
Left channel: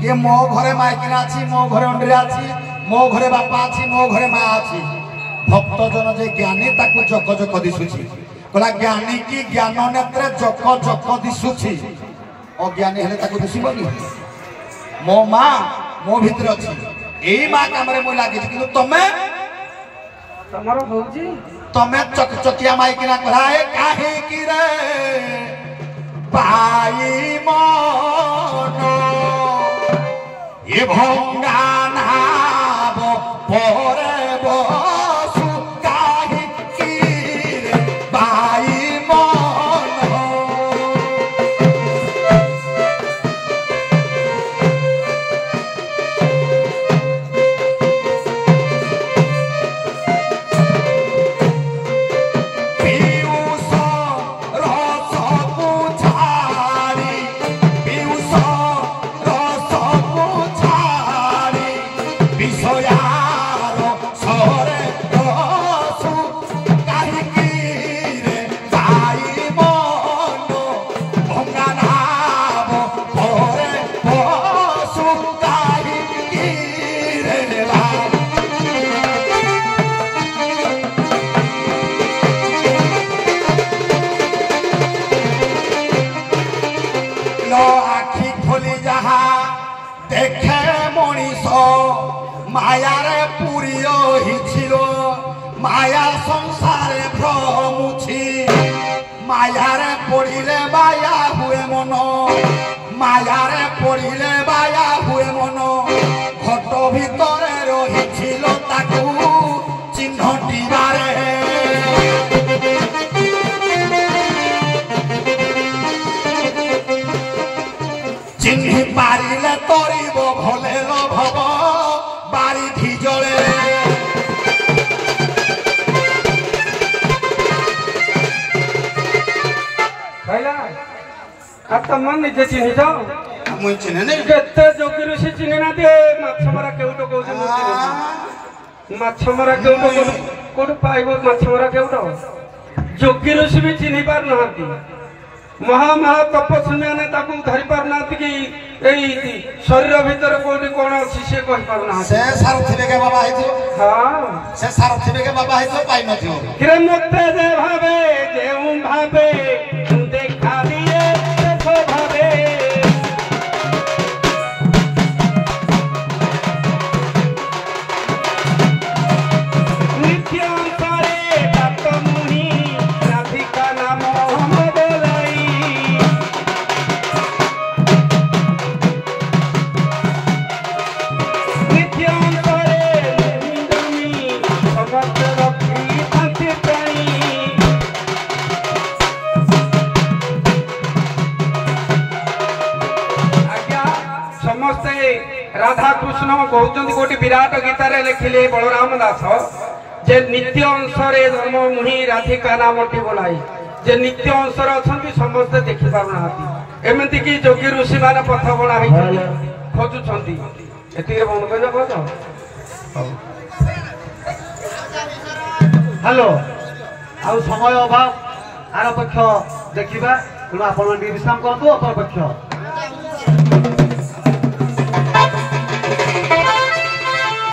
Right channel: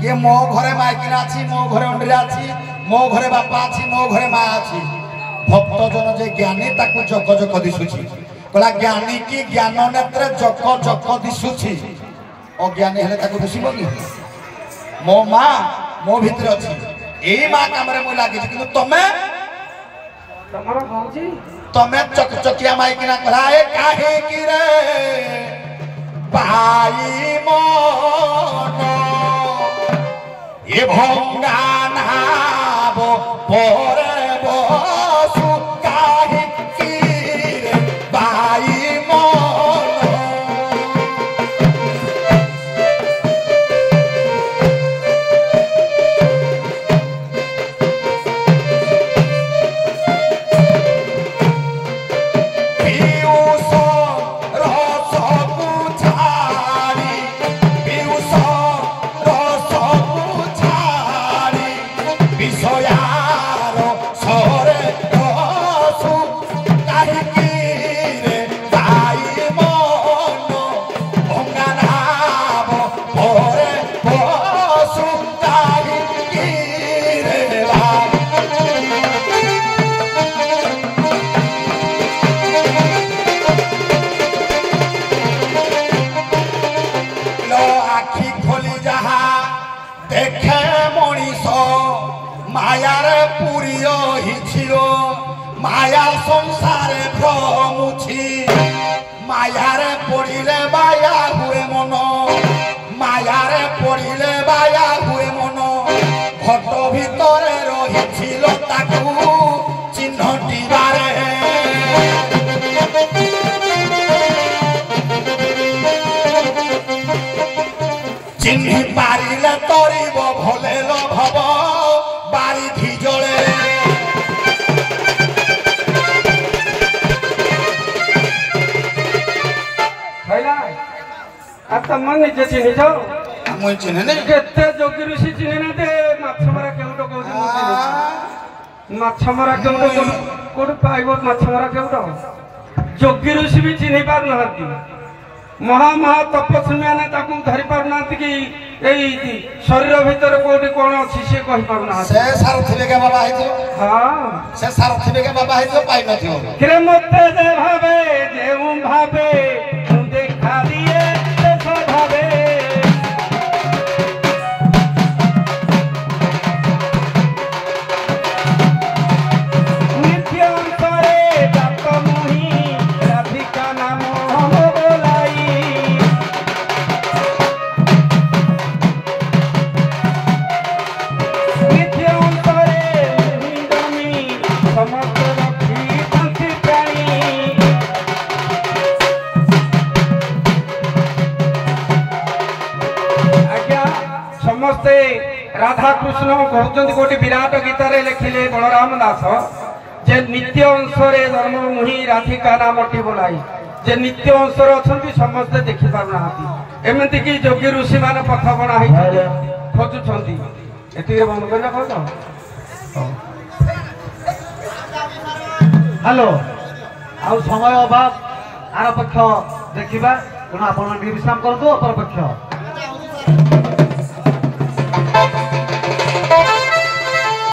किए मो घरे माइकिना अच्छी मो घरे अंडिरा अच्छी मो घरे बापा अच्छी मो घरे माँ अच्छी भक्त जन जे ज्ञानी ताकू जक जक दिशुछि कहला ज्ञानी की ज्ञान नेत्र जक जक दिशुछि अज्ञानी हेले ताकू दिसिबनी मो माँ मो भितर अछि एई माँ कामरे मो लागि किंतु तमे तमरो होउजी तमे चकचकिया माई किना कहला ए काहे की रे भाई मन ये भंगा नाब परे বিষয়ার মায়ার সংসারে ভ্রমুছি মায়ারে পড়িলে বায়া হুয়ে মন মায়ারে পড়িলে বায়া হুয়ে মন ঘট ভিতরে রহিছিল তাকু চিহ্নটিবারে চিহ্নি পারিলে তরিব ভলে ভব বারিধি জলে ତମ ନିଜେ ଚିହ୍ନିଛ ମୁଇଁ ଚିହ୍ନେ ନାଇଁ କେତେ ଯୋଗୀ ଋଷି ଚିହ୍ନି ନାହାନ୍ତି ମାଛ ମରା କେଉଟ କହୁଛି ମୁଁ ଚିହ୍ନିଛି ମାଛ ମରା କେଉଟ କୋଉଠି ପାଇବ ମାଛ ମରା କେଉଟ ଯୋଗୀ ଋଷି ବି ଚିହ୍ନି ପାରୁନାହାନ୍ତି ମହା ତପସ୍ୱୀ ମାନେ ତାକୁ ଧରି ପାରୁନାହାନ୍ତି କି ଏଇ ଶରୀର ଭିତରେ କୋଉଠି କଣ ଅଛି ସିଏ କହିପାରୁନାହାନ୍ତି ସେ ସାରଥିବେ କେ ବାବା ହେଇଥିବ ହଁ ସେ ସାରଥିବେ କେ ବାବା ହେଇଥିବ ପାଇନଥିବ କିରେ ମତେ ଯେ ଭାବେ ଯେଉଁ ଭାବେ ଦେଖା ଦିଏ राधा कृष्ण कहते गोटे विराट गीतार लिखिले बलराम दास जे नित्य अंशरे धर्म मुहि राधिका नामटी बोलाई जे नित्य अंशर अच्छा समस्ते देखि पारना एमती कि जोगी ऋषि मान पथ बना खोजुंट हेलो आउ समय अभाव आर पक्ष देखा तेणु आप विश्राम करतु अपर पक्ष